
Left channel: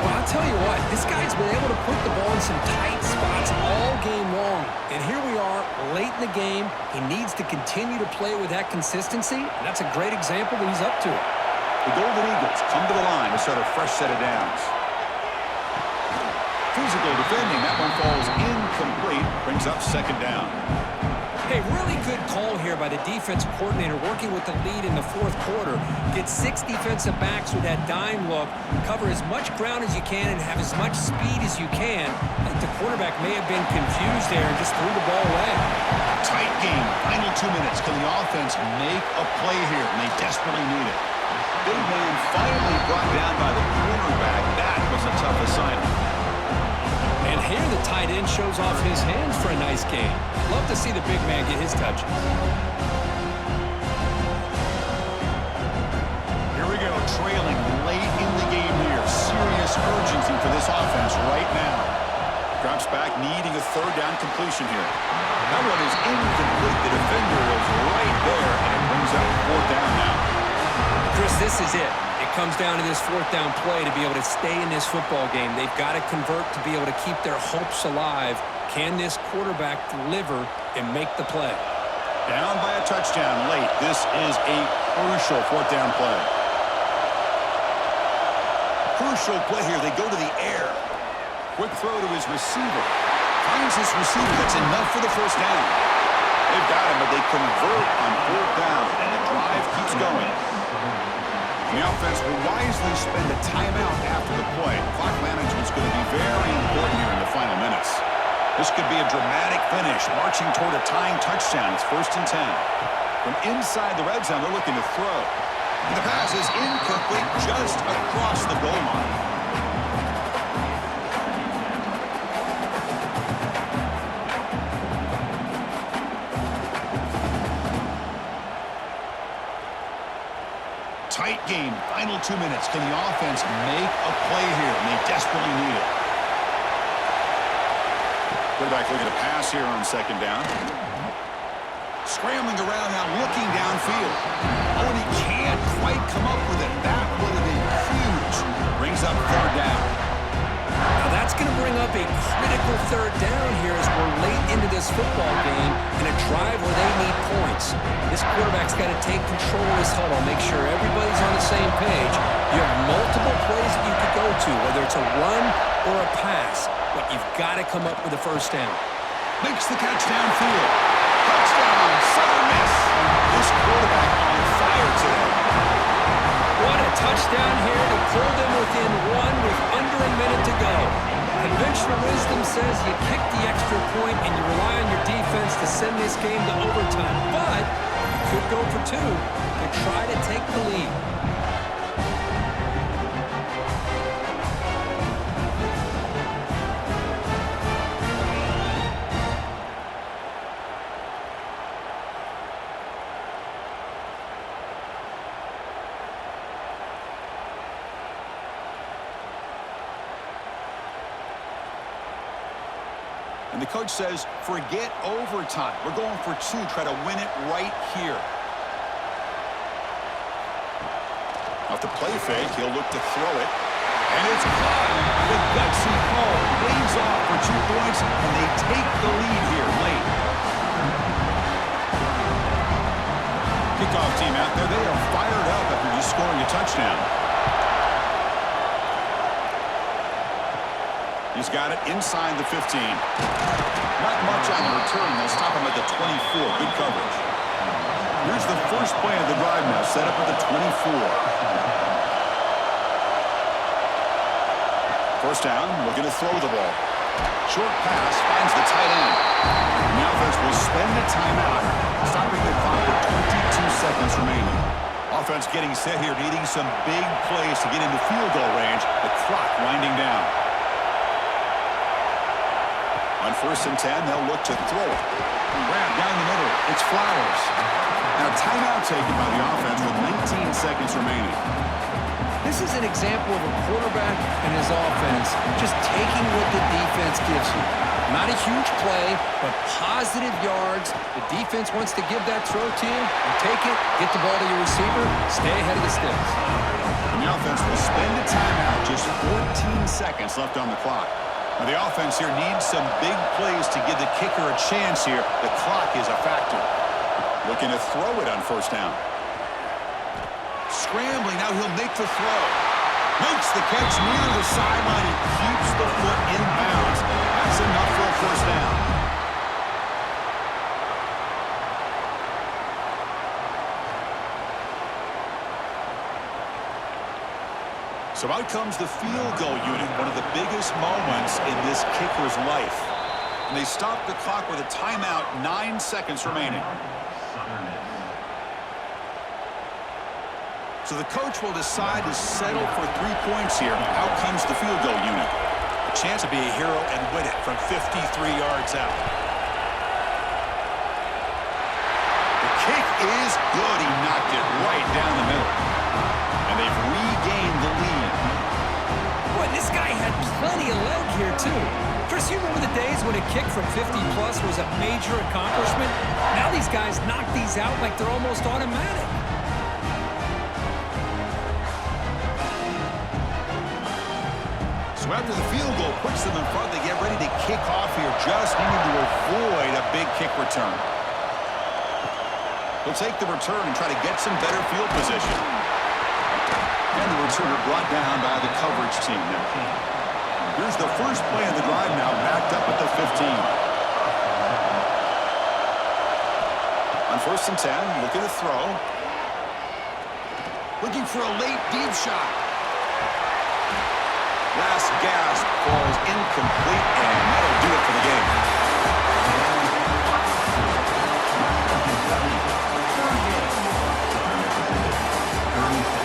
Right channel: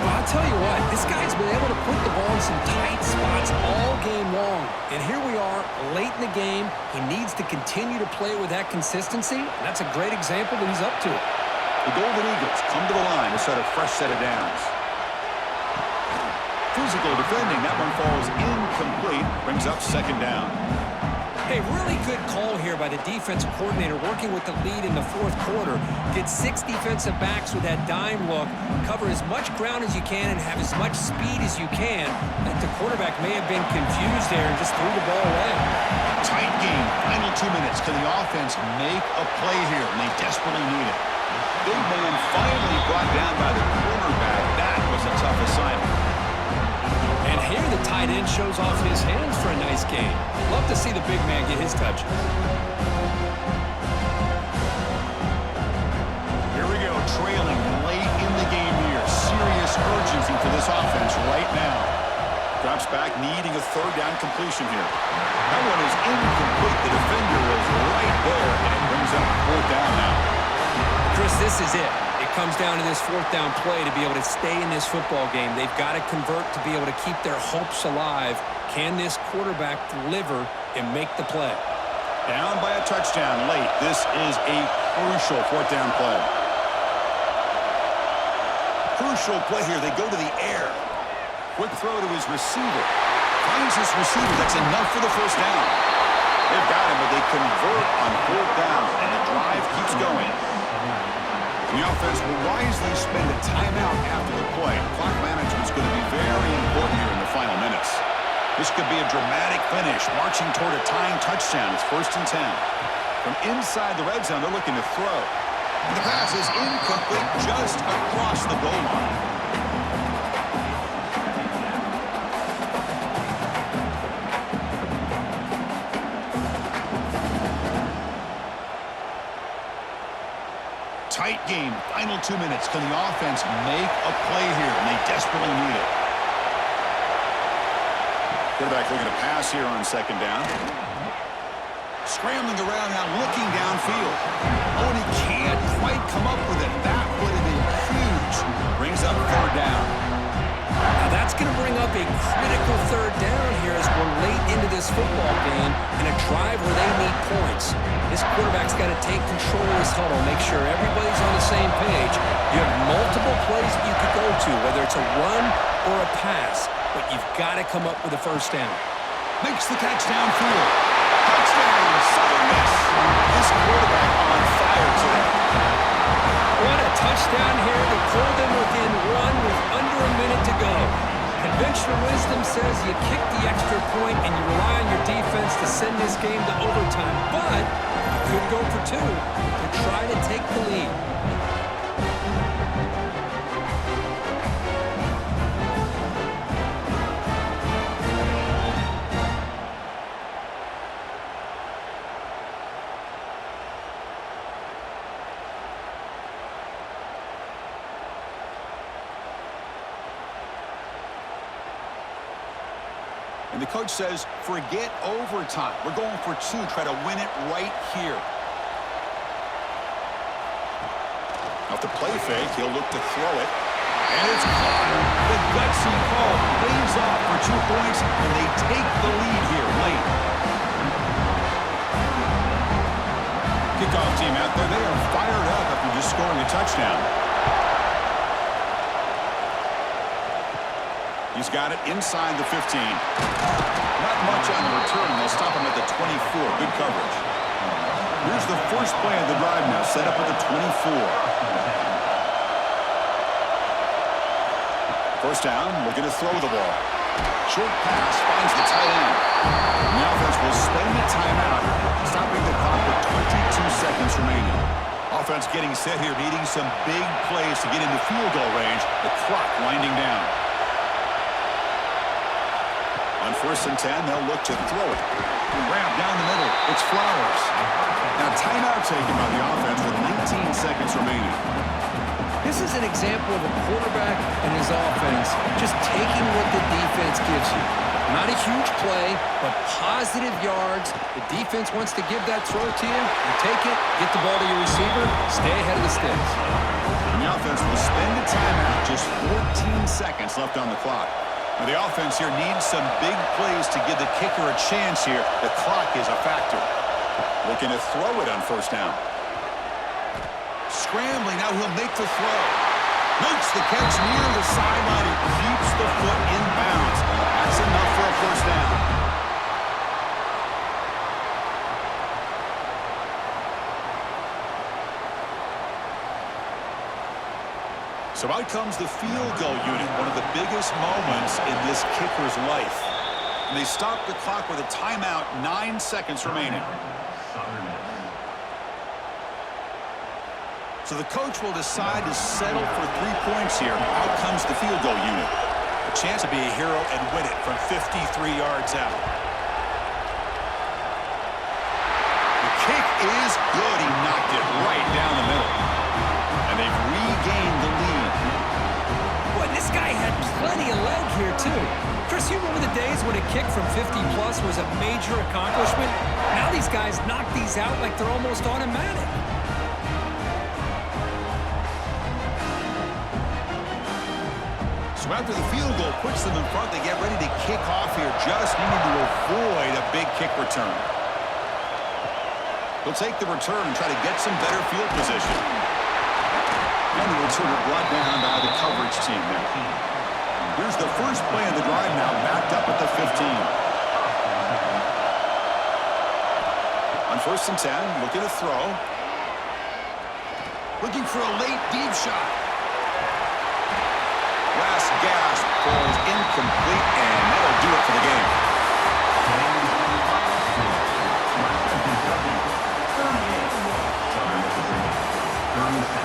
Well, I'll tell you what, this guy's been able to put the ball in some tight spots all game long. And here we are, late in the game. He needs to continue to play with that consistency, and that's a great example that he's up to it. The Golden Eagles come to the line to start a fresh set of downs. Physical defending. That one falls incomplete. Brings up 2nd down. Hey, really good call here by the defensive coordinator working with the lead in the 4th quarter. Get 6 defensive backs with that dime look, cover as much ground as you can, and have as much speed as you can. I think the quarterback may have been confused there and just threw the ball away. Tight game. Final 2 minutes. Can the offense make a play here? And they desperately need it. Big man finally brought down by the cornerback. That was a tough assignment. And here the tight end shows off his hands for a nice game. Love to see the big man get his touches. Here we go, trailing late in the game here. Serious urgency for this offense right now. Drops back, needing a 3rd down completion here. That one is incomplete. The defender was right there, and it brings up 4th down now. Chris, this is it. It comes down to this 4th down play to be able to stay in this football game. They've got to convert to be able to keep their hopes alive. Can this quarterback deliver and make the play? Down by a touchdown late. This is a crucial 4th down play. Crucial play here. They go to the air. Quick throw to his receiver. Finds his receiver. That's enough for the 1st down. They've got him, but they convert on 4th down, and the drive keeps going. And the offense will wisely spend a timeout after the play. Clock management is going to be very important here in the final minutes. This could be a dramatic finish, marching toward a tying touchdown. It's 1st and 10. From inside the red zone, they're looking to throw. And the pass is incomplete just across the goal line. Tight game, final 2 minutes. Can the offense make a play here? And they desperately need it. Quarterback looking to pass here on 2nd down. Scrambling around now, looking downfield. Oh, and he can't quite come up with it. That would have been huge. Brings up third down. Now that's going to bring up a critical third down here as we're late into this football game in a drive where they need points. This quarterback's got to take control of this huddle, make sure everybody's on the same page. You have multiple plays that you could go to, whether it's a run or a pass, but you've got to come up with a first down. Makes the catch downfield. Touchdown, Southern Miss. This quarterback on fire today. What a touchdown here to pull them within one with under a minute to go. Conventional wisdom says you kick the extra point and you rely on your defense to send this game to overtime. But you could go for two to try to take the lead. And the coach says, forget overtime. We're going for two. Try to win it right here. Off the play fake, he'll look to throw it. And it's caught. The gutsy call pays off for 2 points, and they take the lead here late. Kickoff team out there, they are fired up after just scoring a touchdown. He's got it inside the 15. Not much on the return. They'll stop him at the 24. Good coverage. Here's the first play of the drive now, set up at the 24. First down, looking to throw the ball. Short pass finds the tight end. The offense will spend a timeout, stopping the clock with 22 seconds remaining. Offense getting set here, needing some big plays to get into field goal range. The clock winding down. On 1st and 10, they'll look to throw it. Grab down the middle. It's Flowers. Now timeout taken by the offense with 19 seconds remaining. This is an example of a quarterback and his offense just taking what the defense gives you. Not a huge play, but positive yards. The defense wants to give that throw to you. You take it, get the ball to your receiver, stay ahead of the sticks. And the offense will spend a timeout, just 14 seconds left on the clock. Now the offense here needs some big plays to give the kicker a chance here. The clock is a factor. Looking to throw it on 1st down. Scrambling, now he'll make the throw. Makes the catch near the sideline and keeps the foot in bounds. That's enough for a 1st down. So out comes the field goal unit, one of the biggest moments in this kicker's life. And they stop the clock with a timeout, 9 seconds remaining. So the coach will decide to settle for 3 points here. Out comes the field goal unit. A chance to be a hero and win it from 53 yards out. The kick is good. He knocked it right down the middle. And they've regained the lead. Boy, this guy had plenty of leg here, too. Chris, you remember the days when a kick from 50-plus was a major accomplishment? Now these guys knock these out like they're almost automatic. So after the field goal puts them in front, they get ready to kick off here, just needing to avoid a big kick return. They'll take the return and try to get some better field position. And the returner brought down by the coverage team there. Here's the first play of the drive now, backed up at the 15. On 1st and 10, looking to throw. Looking for a late deep shot. Last gasp falls incomplete, and that'll do it for the game. Southern Mississippi, 38.